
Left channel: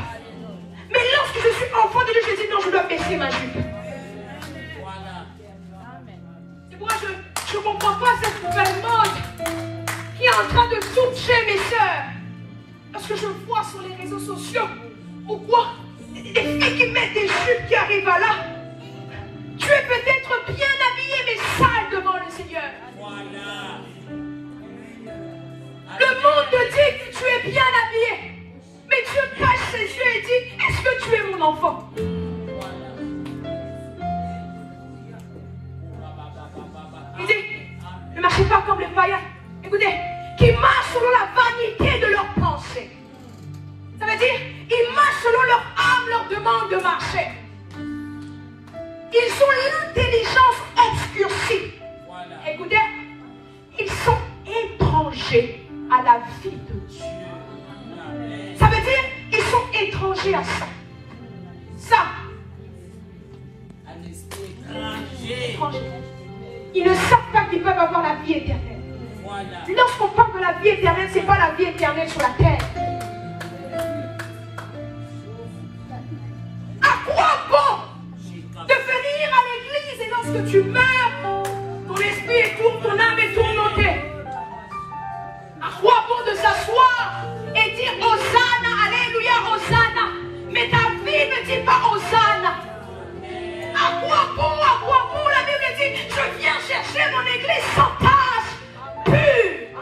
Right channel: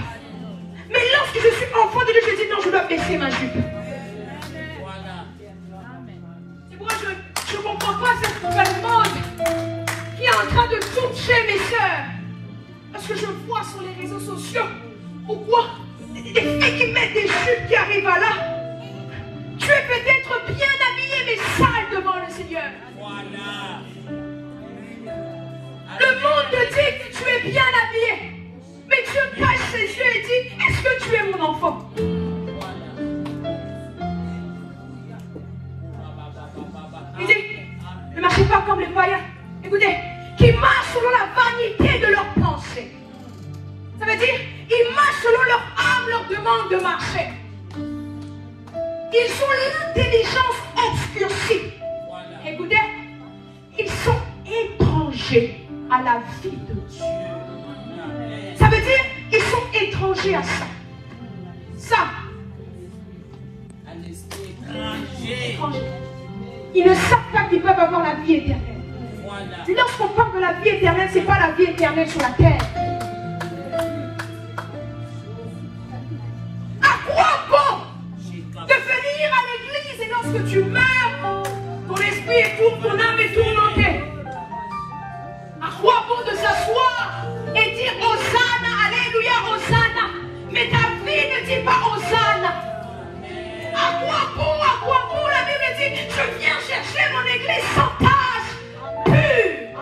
Mais lorsque je suis enfant de Dieu, je dis non, je dois baisser ma jupe. Et moi, je ne comprends pas cette nouvelle mode qui est en train de toucher mes sœurs. Parce que je vois sur les réseaux sociaux, ou quoi, des filles qui mettent des jupes qui arrivent à là. Tu es peut-être bien habillé, mais sale devant le Seigneur. Le monde te dit que tu es bien habillé. Mais Dieu cache ses yeux et dit, est-ce que tu es mon enfant? Il dit, ne marchez pas comme les païens. Écoutez, qui marchent selon la vanité de leurs pensées. Ça veut dire, ils marchent selon leur âme, leur demande de marcher. Ils ont l'intelligence obscurcie. Écoutez, ils sont étrangers à la vie de Dieu. Ça veut dire, ils sont étrangers à ça. Ça. Étrangers. Ils ne savent pas qu'ils peuvent avoir la vie éternelle. Lorsqu'on parle de la vie éternelle, ce n'est pas la vie éternelle sur la terre. À quoi bon de venir à l'église et lorsque tu meurs, ton esprit est tourné, ton âme est tourmentée? À quoi bon de s'asseoir et dire Hosanna, Alléluia, Hosanna, mais ta vie ne dit pas Hosanna? À quoi bon, la Bible dit, je viens chercher mon église sans tâche, pure.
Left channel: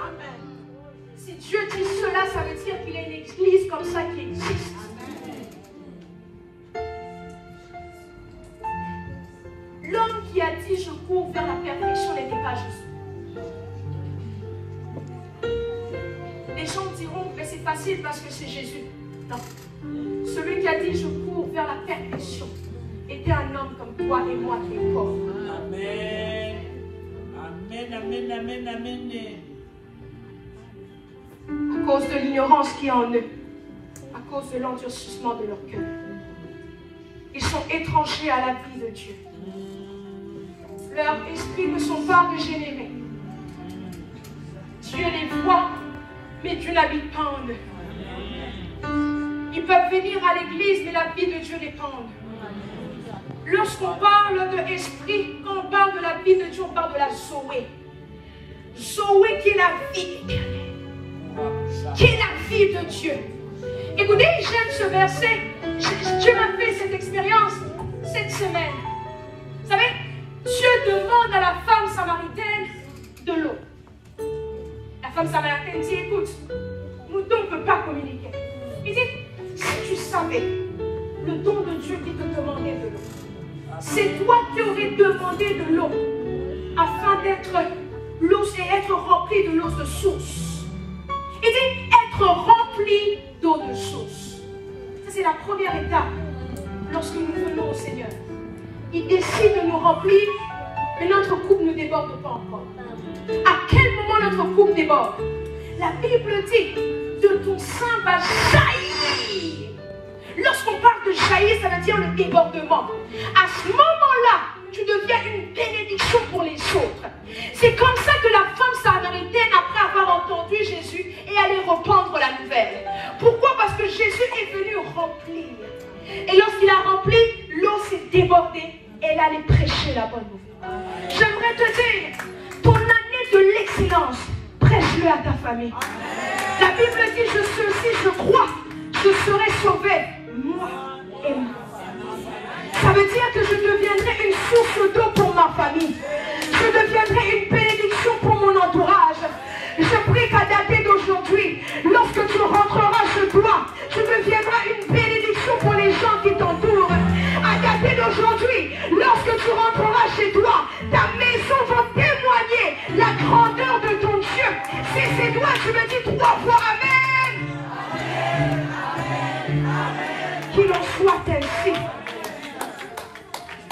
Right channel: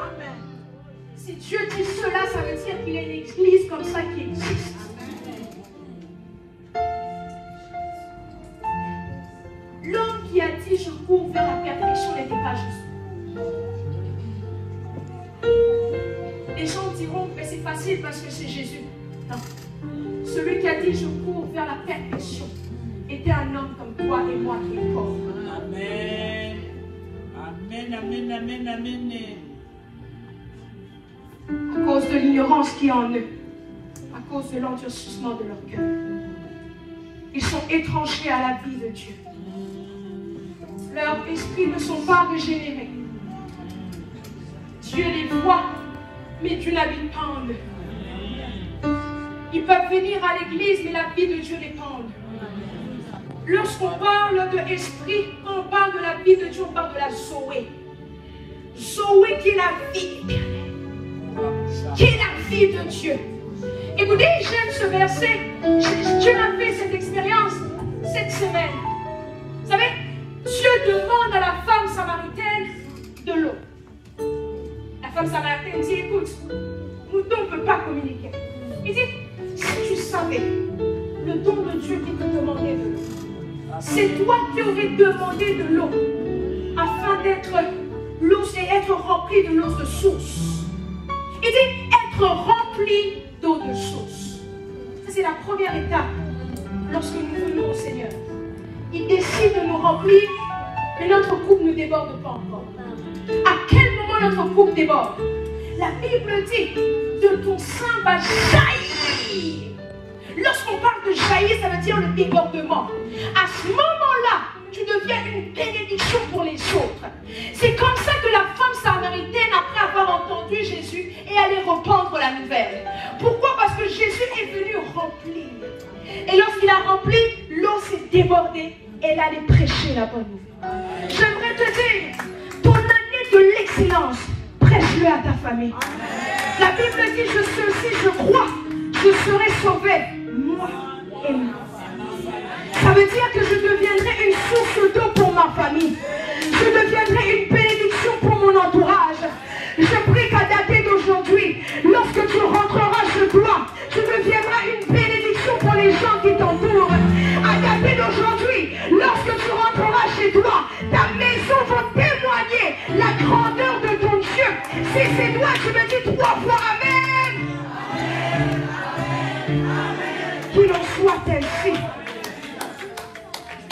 Si Dieu dit cela, ça veut dire qu'il y a une église comme ça qui existe. L'homme qui a dit je cours vers la perfection n'était pas Jésus. Les gens diront mais c'est facile parce que c'est Jésus. Non. Celui qui a dit je cours vers la perfection était un homme comme toi et moi qui est pauvre. Amen. Amen, amen, amen, amen. À cause de l'ignorance qui est en eux, à cause de l'endurcissement de leur cœur, ils sont étrangers à la vie de Dieu. Leurs esprits ne sont pas régénérés. Dieu les voit, mais Dieu n'habite pas en eux. Ils peuvent venir à l'église, mais la vie de Dieu n'est pas en eux. Lorsqu'on parle de esprit, quand on parle de la vie de Dieu, on parle de la Zoé. Zoé qui est la vie éternelle. Qui est la vie de Dieu. Écoutez, j'aime ce verset. Dieu m'a fait cette expérience cette semaine. Vous savez, Dieu demande à la femme samaritaine de l'eau. La femme samaritaine dit, écoute, nous deux, on ne peut pas communiquer. Il dit, si tu savais le don de Dieu qui te demandait de l'eau, c'est toi qui aurais demandé de l'eau afin d'être l'eau et être rempli de l'eau de source. Il dit, être rempli d'eau de source. C'est la première étape lorsque nous venons au Seigneur. Il décide de nous remplir, mais notre coupe ne déborde pas encore. À quel moment notre coupe déborde? La Bible dit, de ton sein va jaillir. Lorsqu'on parle de jaillir, ça veut dire le débordement. À ce moment-là, tu deviens une bénédiction pour les autres. C'est comme ça que la femme samaritaine, après avoir entendu Jésus, est allée répandre la nouvelle. Pourquoi? Parce que Jésus est venu remplir. Et lorsqu'il a rempli, l'eau s'est débordée. Elle allait prêcher la bonne nouvelle. J'aimerais te dire, ton année de l'excellence, prêche-le à ta famille. La Bible dit, je sais aussi, je crois, je serai sauvé, moi et ma famille. Ça veut dire que je deviendrai une source d'eau pour ma famille. Je deviendrai une bénédiction pour mon entourage. Je prie qu'à dater d'aujourd'hui, lorsque tu rentreras chez toi, tu deviendras une bénédiction pour les gens qui t'entourent. À dater d'aujourd'hui, lorsque tu grandeur de ton Dieu. Si c'est toi, tu me dis 3 fois Amen. Qu'il en soit ainsi.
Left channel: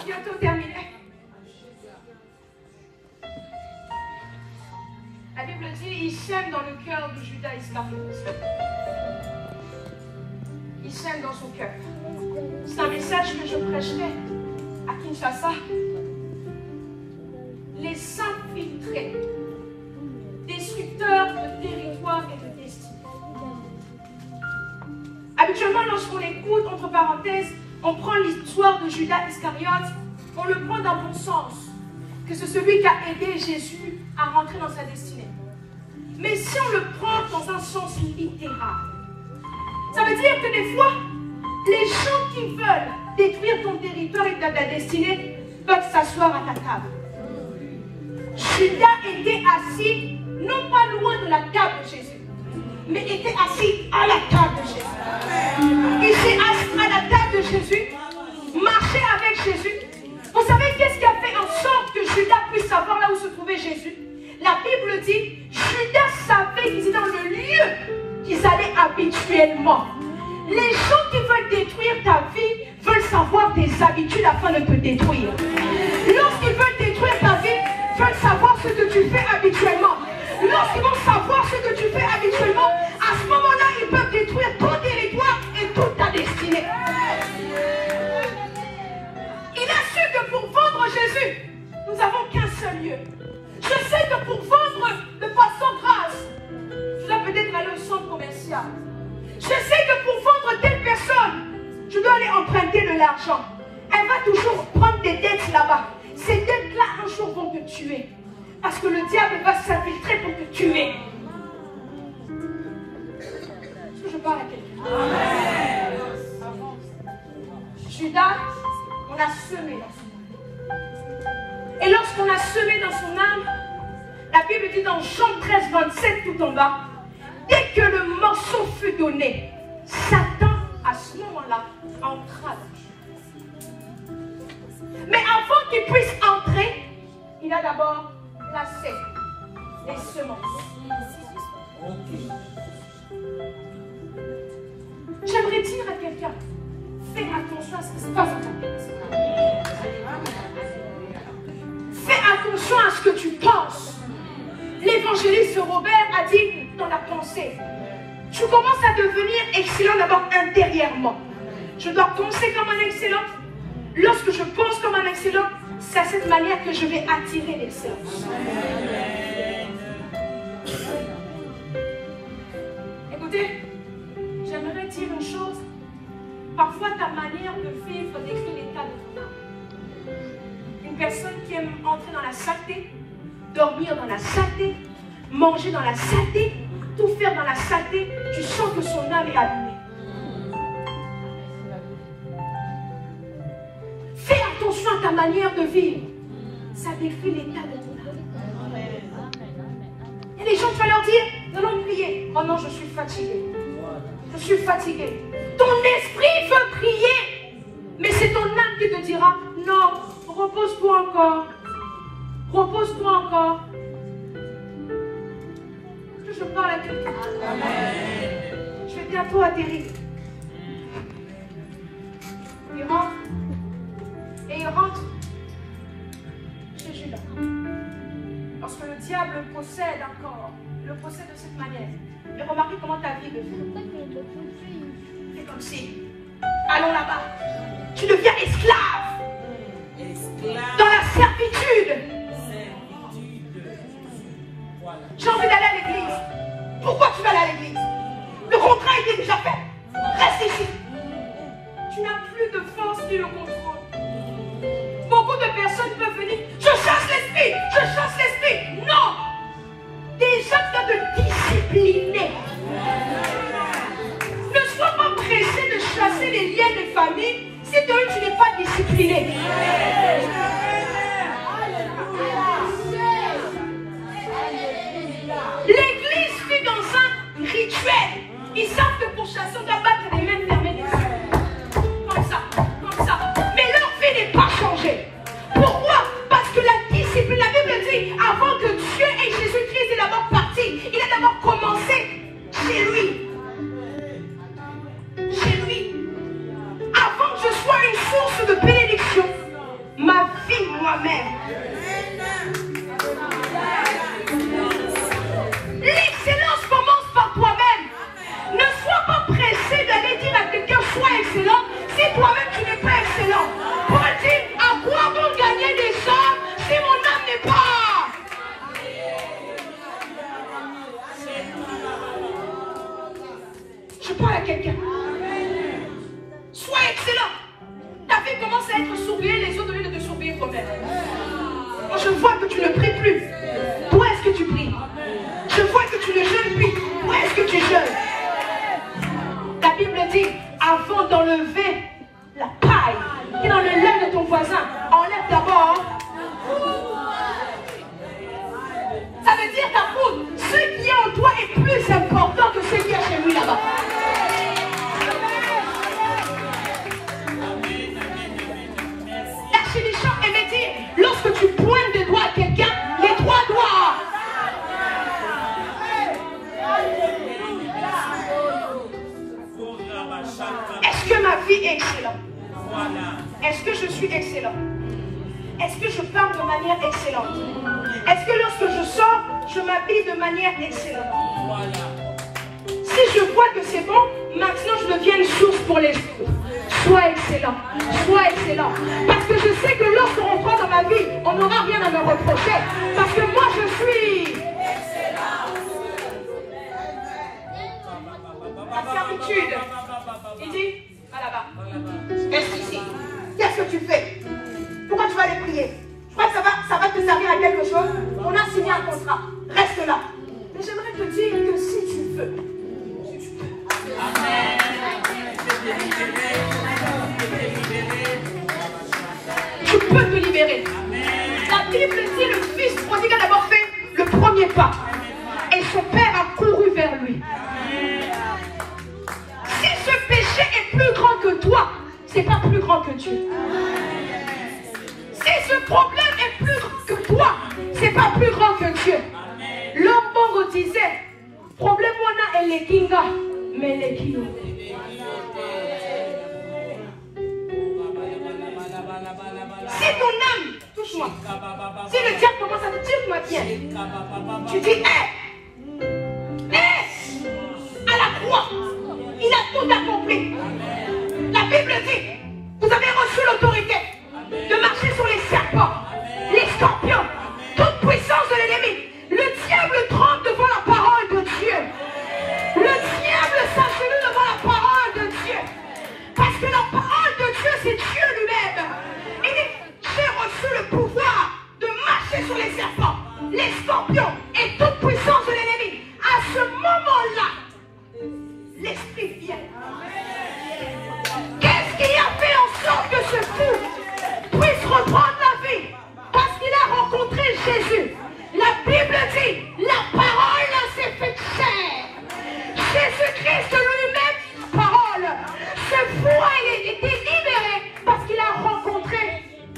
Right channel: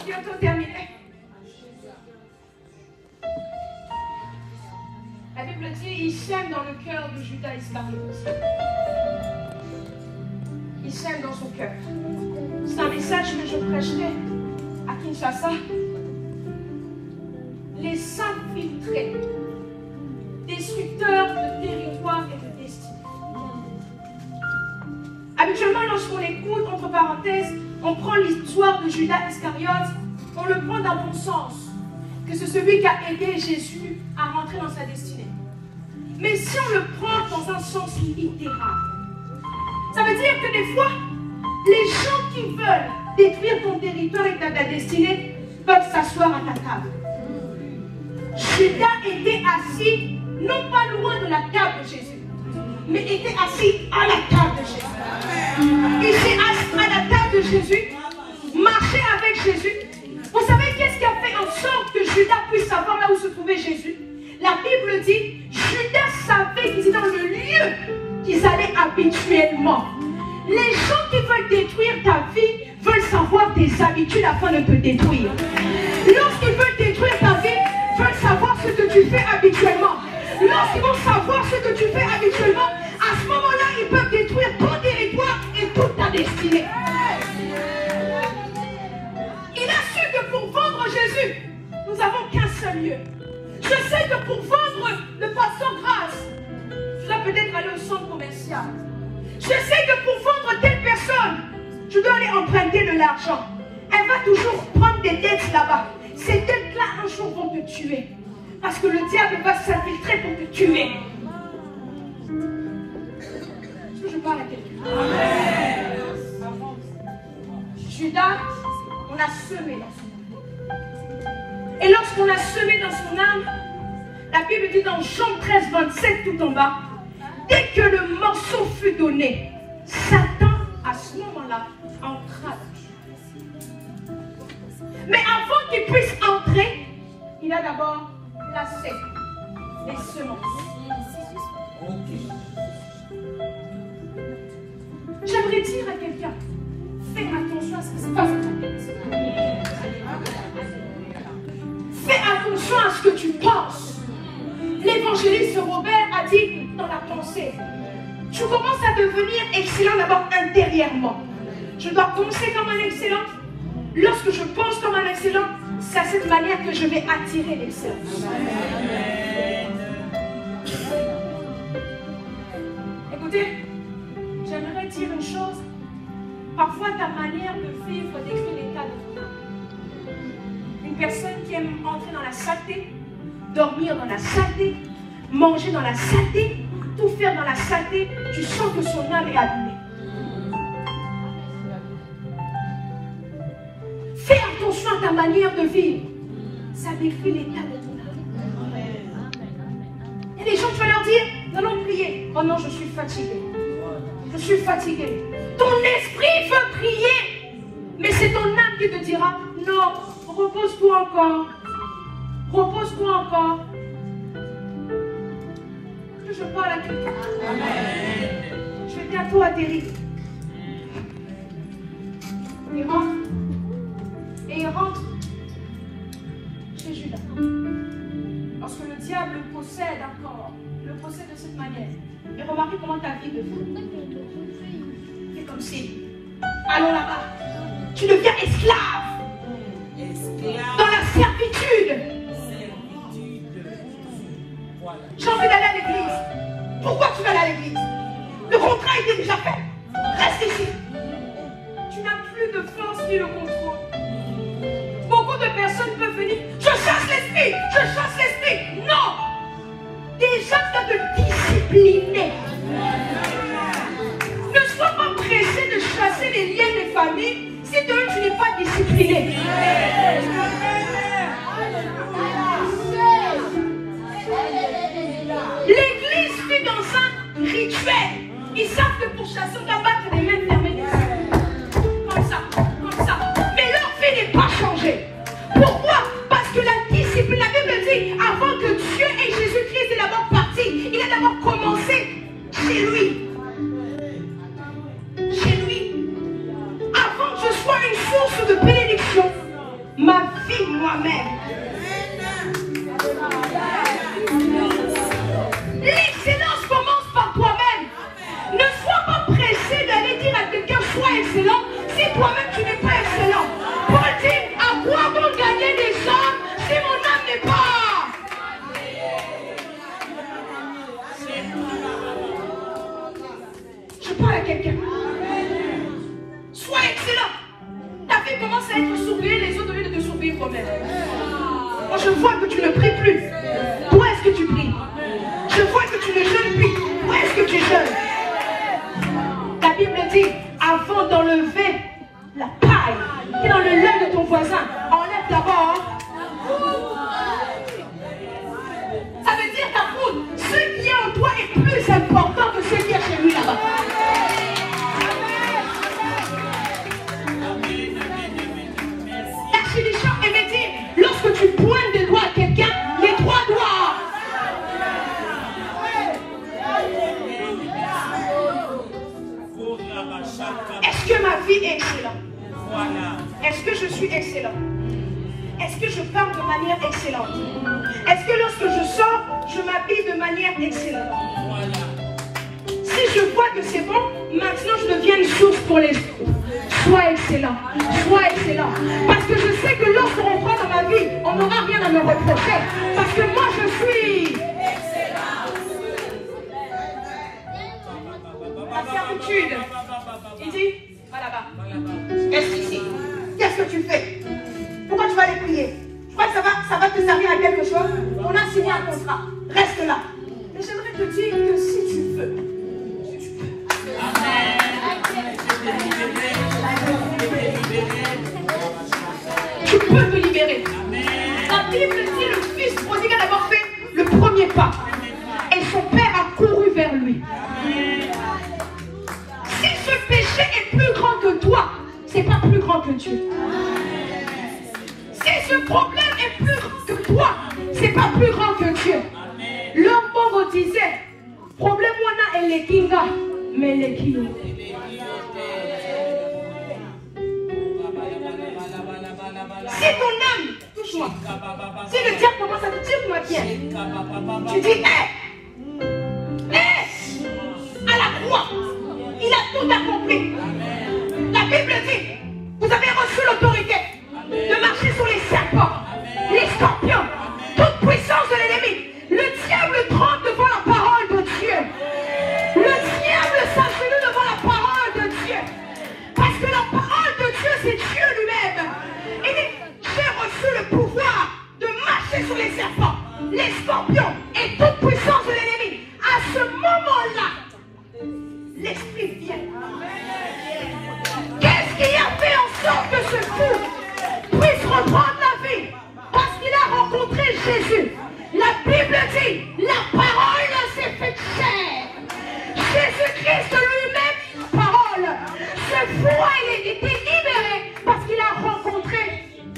Bientôt terminé. La Bible dit, il sème dans le cœur de Judas Iscariote. Il sème dans son cœur. C'est un message que je prêcherai à Kinshasa. Les s'infiltrer, destructeurs de territoire et de destinée. Habituellement, lorsqu'on écoute, entre parenthèses, on prend l'histoire de Judas Iscariote, on le prend dans mon sens, que c'est celui qui a aidé Jésus à rentrer dans sa destinée. Mais si on le prend dans un sens littéral, ça veut dire que des fois, les gens qui veulent détruire ton territoire et ta destinée peuvent s'asseoir à ta table. Judas était assis, non pas loin de la table de Jésus, mais était assis à la table de Jésus. Il s'est assis à la table de Jésus, marché avec Jésus. Vous savez qu'est-ce qui a fait en sorte que Judas puisse savoir là où se trouvait Jésus? La Bible dit, Judas savait qu'ils étaient dans le lieu qu'ils allaient habituellement. Les gens qui veulent détruire ta vie veulent savoir tes habitudes afin de te détruire. Lorsqu'ils veulent détruire ta vie, veulent savoir ce que tu fais habituellement. Lorsqu'ils vont savoir ce que tu fais habituellement, à ce moment-là, ils peuvent détruire ton territoire et toute ta destinée. Il a su que pour vendre Jésus, nous n'avons qu'un seul lieu. Je sais que pour vendre de façon grasse, tu dois peut-être aller au centre commercial. Je sais que pour vendre telle personne, tu dois aller emprunter de l'argent. Elle va toujours prendre des dettes là-bas. Ces dettes-là, un jour, vont te tuer. Parce que le diable va s'infiltrer pour te tuer. Est-ce que je parle à quelqu'un? Amen. Judas, on a semé dans son âme. Et lorsqu'on a semé dans son âme, la Bible dit dans Jean 13, 27 tout en bas, dès que le morceau fut donné, Satan, à ce moment-là, entra dans Judas. Mais avant qu'il puisse entrer, il a d'abord placé les semences. J'aimerais dire à quelqu'un, fais attention à ce qui se passe dans ton tête. Fais attention à ce que tu penses. L'évangéliste Robert a dit dans la pensée, tu commences à devenir excellent d'abord intérieurement. Je dois penser comme un excellent. Lorsque je pense comme un excellent, c'est à cette manière que je vais attirer l'excellence. Écoutez, j'aimerais dire une chose. Parfois, ta manière de vivre décrit l'état de ton âme. Une personne qui aime entrer dans la saleté, dormir dans la saleté, manger dans la saleté, tout faire dans la saleté, tu sens que son âme est abîmée. Fais attention à ta manière de vivre. Ça décrit l'état de ton âme. Et les gens, tu vas leur dire, nous allons prier. Oh non, je suis fatigué. Je suis fatigué. Ton esprit veut prier, mais c'est ton âme qui te dira, non, repose-toi encore. Repose-toi encore. Je parle à quelqu'un. Je vais bientôt atterrir. Il rentre. Et il rentre chez Judas. Parce que le diable le possède encore. Le possède de cette manière. Et remarquez comment ta vie devient. C'est comme si, allons là-bas. Tu deviens esclave. Dans la servitude. J'ai envie d'aller à l'église. Pourquoi tu vas aller à l'église? Le contrat était déjà fait. Reste ici. Tu n'as plus de force ni le contrôle. Beaucoup de personnes peuvent venir. Je chasse l'esprit. Je chasse l'esprit. Non. Déjà, tu dois te discipliner. Ne sois pas pressé de chasser les liens des familles si toi tu n'es pas discipliné. L'église vit dans un rituel. Ils savent que pour chasser, on doit battre les mains fermées. Comme ça, comme ça. Mais leur vie pas changé. Pourquoi? Parce que la discipline, la Bible dit, avant que Dieu et Jésus chez lui. Chez lui. Avant que je sois une source de bénédiction, ma vie moi-même. L'excellence commence par toi-même. Ne sois pas pressé d'aller dire à quelqu'un sois excellent si toi-même tu n'es pas excellent. Paul dit à quoi bon gagner des hommes si mon âme n'est pas. Je parle à quelqu'un. Sois excellent. Ta vie commence à être surveillée, les autres au lieu de te surveiller toi-même. Moi je vois que tu ne pries plus. Toi est-ce que tu pries? Je vois que tu ne jeûnes plus. Toi est-ce que tu jeûnes? La Bible dit, avant d'enlever la paille qui est dans le lait de ton voisin, enlève d'abord. Ça veut dire ta poudre, ce qui est en toi est plus important que ce qui est chez lui là-bas. L'archidiacre aimait dire, lorsque tu pointes des doigts à quelqu'un, les trois doigts. Est-ce que ma vie est excellente? Est-ce que je suis excellent? Est-ce que je parle de manière excellente? Est-ce que lorsque je sors, je m'habille de manière excellente? Si je vois que c'est bon, maintenant je deviens une source pour les autres. Sois excellent, sois excellent. Parce que je sais que lorsqu'on rentre dans ma vie, on n'aura rien à me reprocher. Parce que moi je suis excellent. La servitude. Il dit, va là-bas. Reste ici. Qu'est-ce que tu fais? Pourquoi tu vas aller prier? Tu crois que ça va te servir à quelque chose? On a signé un contrat. Reste là. Mais j'aimerais te dire que si tu veux. Tu peux te libérer. La Bible dit le fils prodigue a d'abord fait le premier pas. Et son père a couru vers lui. Si ce péché est plus grand que toi, c'est pas plus grand que Dieu. Si ce problème est plus grand que toi, c'est pas plus grand que Dieu. L'homme Bongo disait, problème wana est les kinga, mais les kilo. Si ton âme, touche-moi, si le diable commence à te dire, moi tiens, tu dis, à la croix, il a tout accompli. La Bible dit, vous avez reçu l'autorité de marcher sur les serpents, les scorpions, toute puissance de l'ennemi. Le diable tremble devant la parole de Dieu. Le diable s'agenouille devant la parole de Dieu. Parce que la parole de Dieu, c'est Dieu lui-même. Il dit, j'ai reçu le pouvoir de marcher sur les serpents, les scorpions et toute puissance de l'ennemi. À ce moment-là, l'esprit vient. Qu'est-ce qui a fait en sorte que ce fou puisse reprendre la vie? Parce qu'il a rencontré Jésus. La Bible dit, la parole s'est faite chair. Jésus-Christ lui-même, la parole. Ce fou a été libéré parce qu'il a rencontré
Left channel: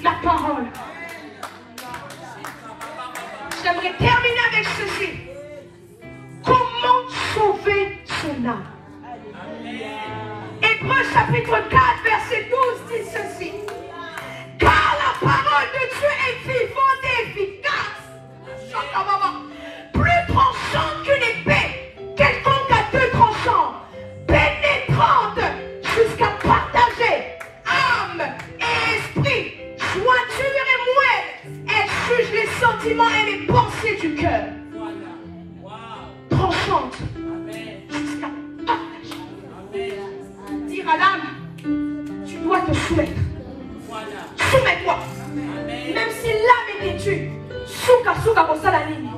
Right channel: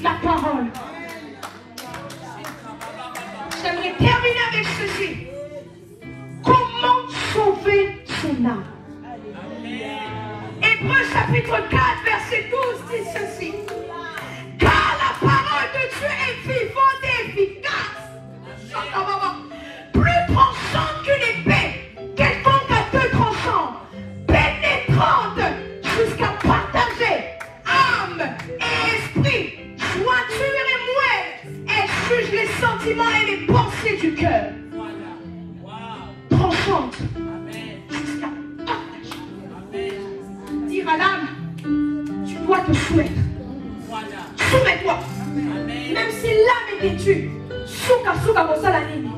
la parole. J'aimerais terminer avec ceci. Comment sauver son âme? Hébreux chapitre 4, verset 12 dit ceci. Car la parole de Dieu est vivante et efficace. Plus tranchante qu'une épée, quelconque à deux tranchants, pénétrante jusqu'à partager âme et esprit, jointure et moelle. Elle juge les sentiments et les pensées du cœur. Tranchante jusqu'à partager. Dire à l'âme, tu dois te soumettre. Soumets-toi. Même si l'âme est têtue, souka pour ça la ligne.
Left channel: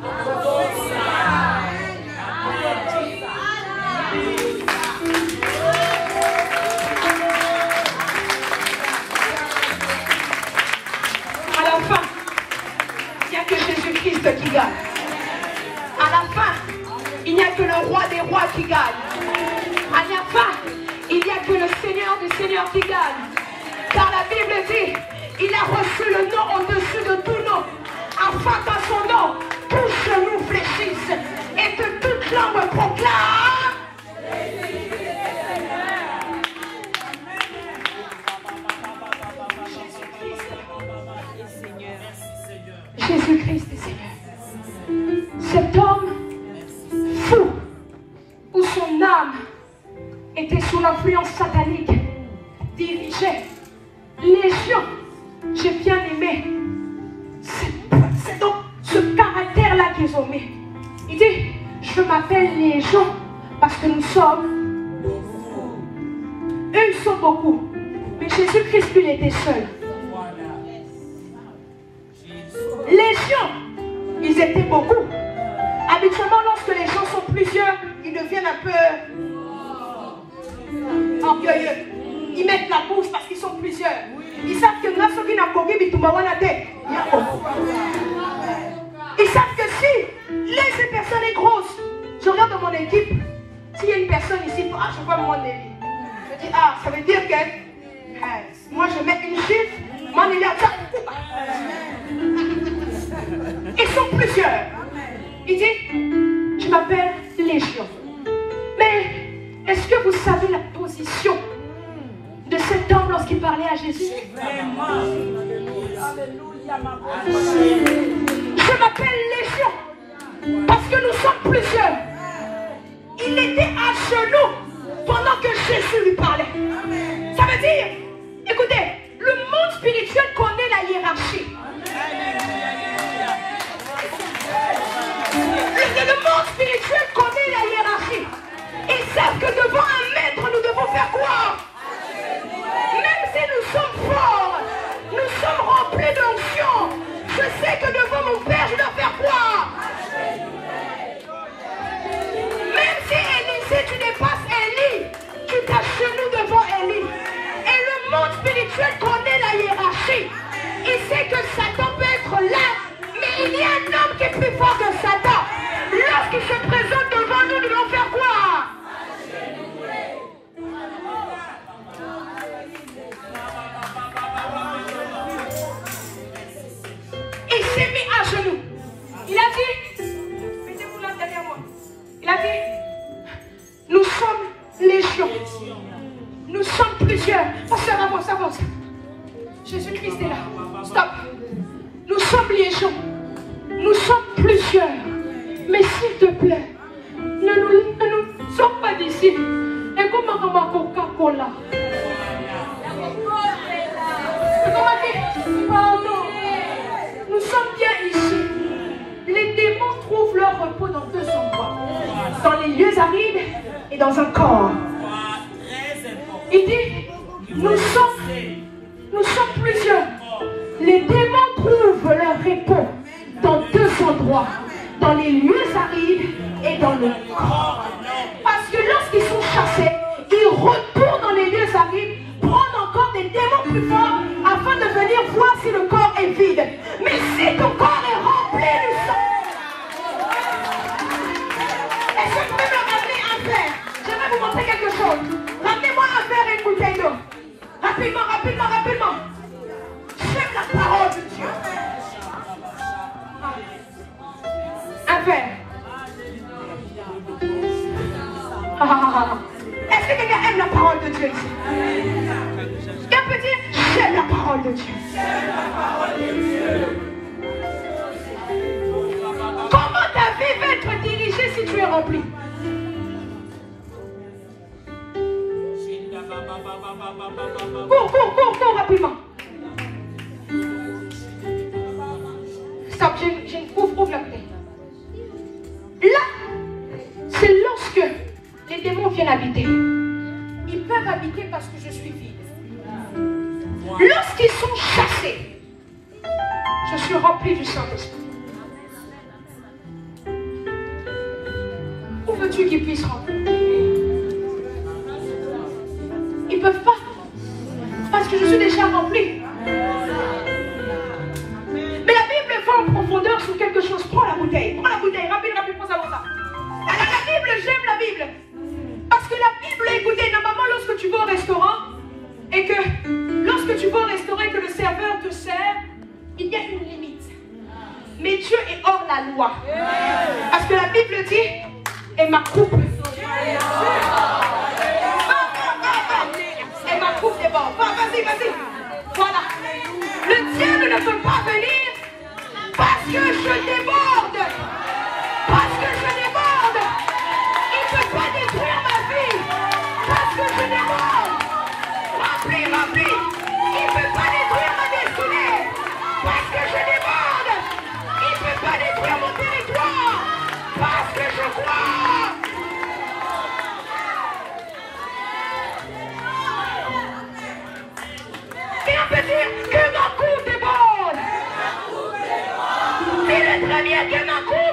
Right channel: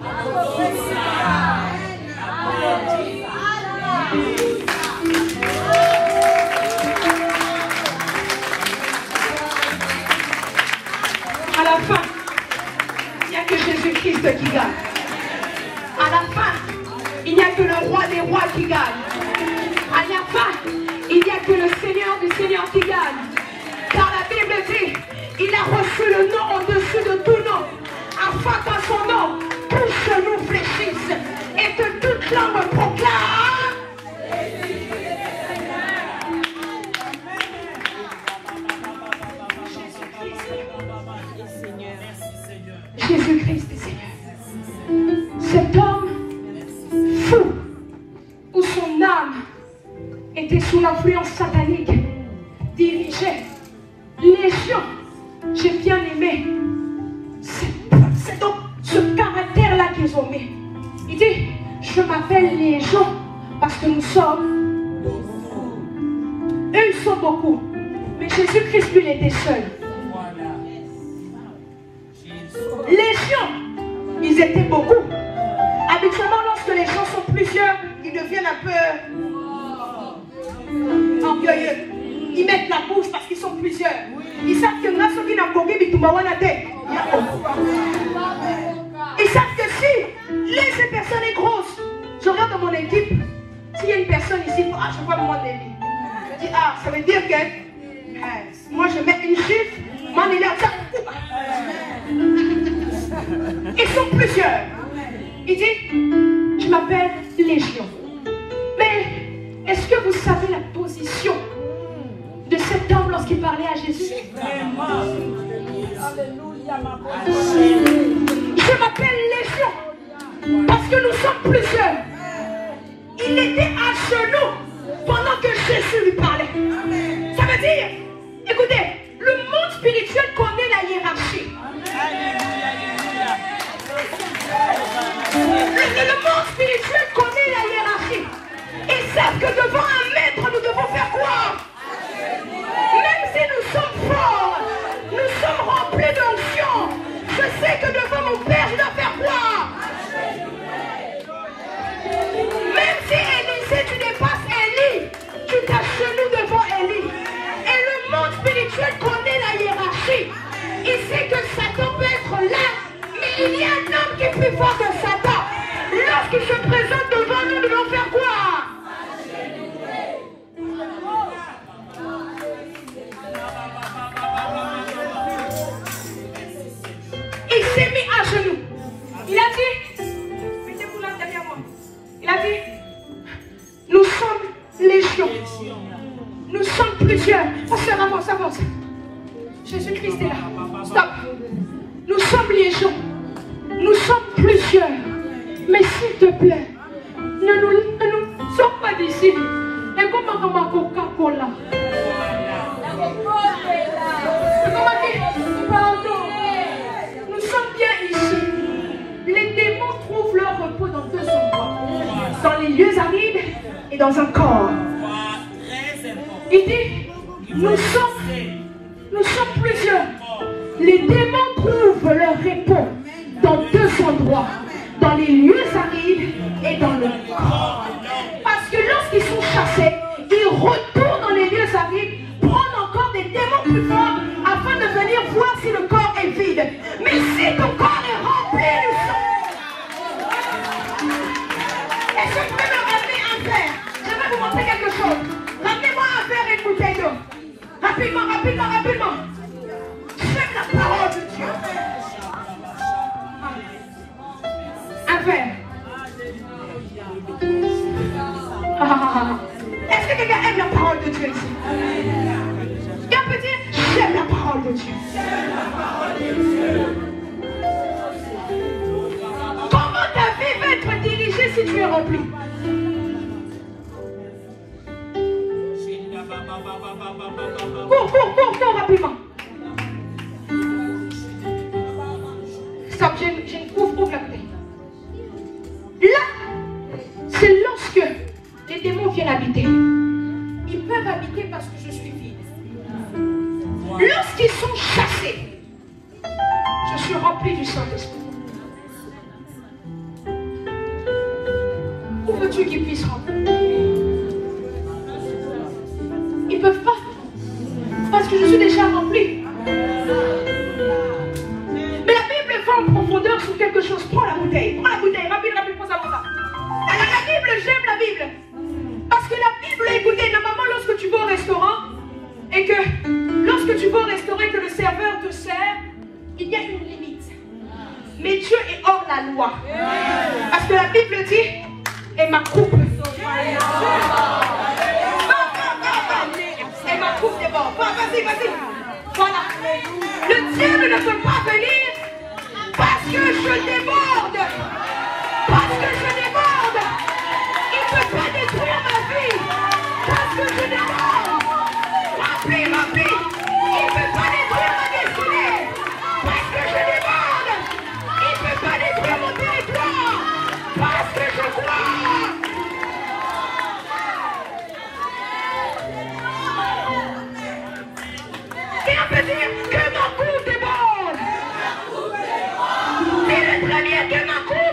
À la fin, il n'y a que Jésus-Christ qui gagne. À la fin, il n'y a que le roi des rois qui gagne. À la fin, il n'y a que le Seigneur des seigneurs qui gagne. Car la Bible dit, il a reçu le nom au-dessus de tout nom, afin qu'à son nom, tous genoux fléchissent et que toute langue proclame cet homme fou, où son âme était sous l'influence satanique, dirigeait légion. J'ai bien aimé. C'est donc ce caractère-là qu'ils ont mis. Il dit, je m'appelle Légion parce que nous sommes beaucoup. Eux, ils sont beaucoup. Mais Jésus-Christ, lui, il était seul. Légion, ils étaient beaucoup. Habituellement, lorsque les gens sont plusieurs, ils deviennent un peu orgueilleux. Ils mettent la bouche parce qu'ils sont plusieurs. Ils savent que là, ceux qui n'ont pas ils savent que si cette personne est grosse, je regarde dans mon équipe, s'il y a une personne ici, ah, je vois mon Nelly. Je dis, ah, ça veut dire que moi je mets une chiffre, mon Nelly a ça. Ils sont plusieurs. Il dit, je m'appelle Légion. Mais est-ce que vous savez la position de cet homme lorsqu'il parlait à Jésus? Alléluia, ma bonne. Je m'appelle Légion parce que nous sommes plusieurs. Il était à genoux pendant que Jésus lui parlait. Ça veut dire, écoutez, le monde spirituel connaît la hiérarchie. Le monde spirituel connaît la hiérarchie. Ils savent que devant un maître, nous devons faire quoi? Même si nous sommes forts, nous sommes remplis d'onction. Je sais que devant mon Père, je dois faire quoi? Même si Élisée, tu dépasses Élie, tu t'agenouilles devant Élie. Et le monde spirituel connaît la hiérarchie. Il sait que Satan peut être là, mais il y a un homme qui est plus fort que Satan. Lorsqu'il se présente devant nous, nous devons faire quoi? Il s'est mis à genoux. Il a dit, mettez-vous là derrière moi. Il a dit, nous sommes légion. Nous sommes plusieurs. Pasteur, avance, avance. Jésus-Christ est là. Stop. Nous sommes légion. Nous sommes plusieurs. Mais s'il te plaît, ne nous sommes pas d'ici. Et comment Coca-Cola? Nous sommes bien ici. Les démons trouvent leur repos dans deux endroits. Dans les lieux arides et dans un corps. Il dit, nous sommes plusieurs. Les démons trouvent leur repos dans deux endroits. Dans les lieux arides et dans le corps. Parce que lorsqu'ils sont chassés, ils retournent dans les lieux arides, prendre encore des démons plus forts afin de venir voir si le corps est vide. Mais si ton corps est rempli du sang, est-ce que vous pouvez me ramener un verre? Je vais vous montrer quelque chose. Ramenez-moi un verre et une bouteille d'eau. Rapidement, rapidement, rapidement. J'aime la parole de Dieu. Un verre. Est-ce que quelqu'un aime la parole de Dieu ici? Quelqu'un peut dire, j'aime la parole de Dieu. Comment ta vie va être dirigée si tu es rempli? Cours, rapidement. Stop, j'ai une ouvre la bouteille. Là, c'est lorsque les démons viennent habiter. Ils peuvent habiter parce que je suis vide. Lorsqu'ils sont chassés, je suis rempli du Saint-Esprit. Où veux-tu qu'ils puissent rentrer? Ils ne peuvent pas. Parce que je suis déjà rempli. Mais la Bible va en profondeur sur quelque chose. Prends la bouteille, rapide, prends ça. La Bible, j'aime la Bible. Parce que la Bible, écoutez, normalement, lorsque tu vas au restaurant, et que le serveur te sert, il y a une limite. Mais Dieu est hors la loi. Parce que la Bible dit, et ma coupe. Et ma coupe déborde. Vas-y. Voilà. Le diable ne peut pas venir parce que je déborde. Parce que je crois. Et on peut dire que mon coup est bon. C'est le très bien que mon coup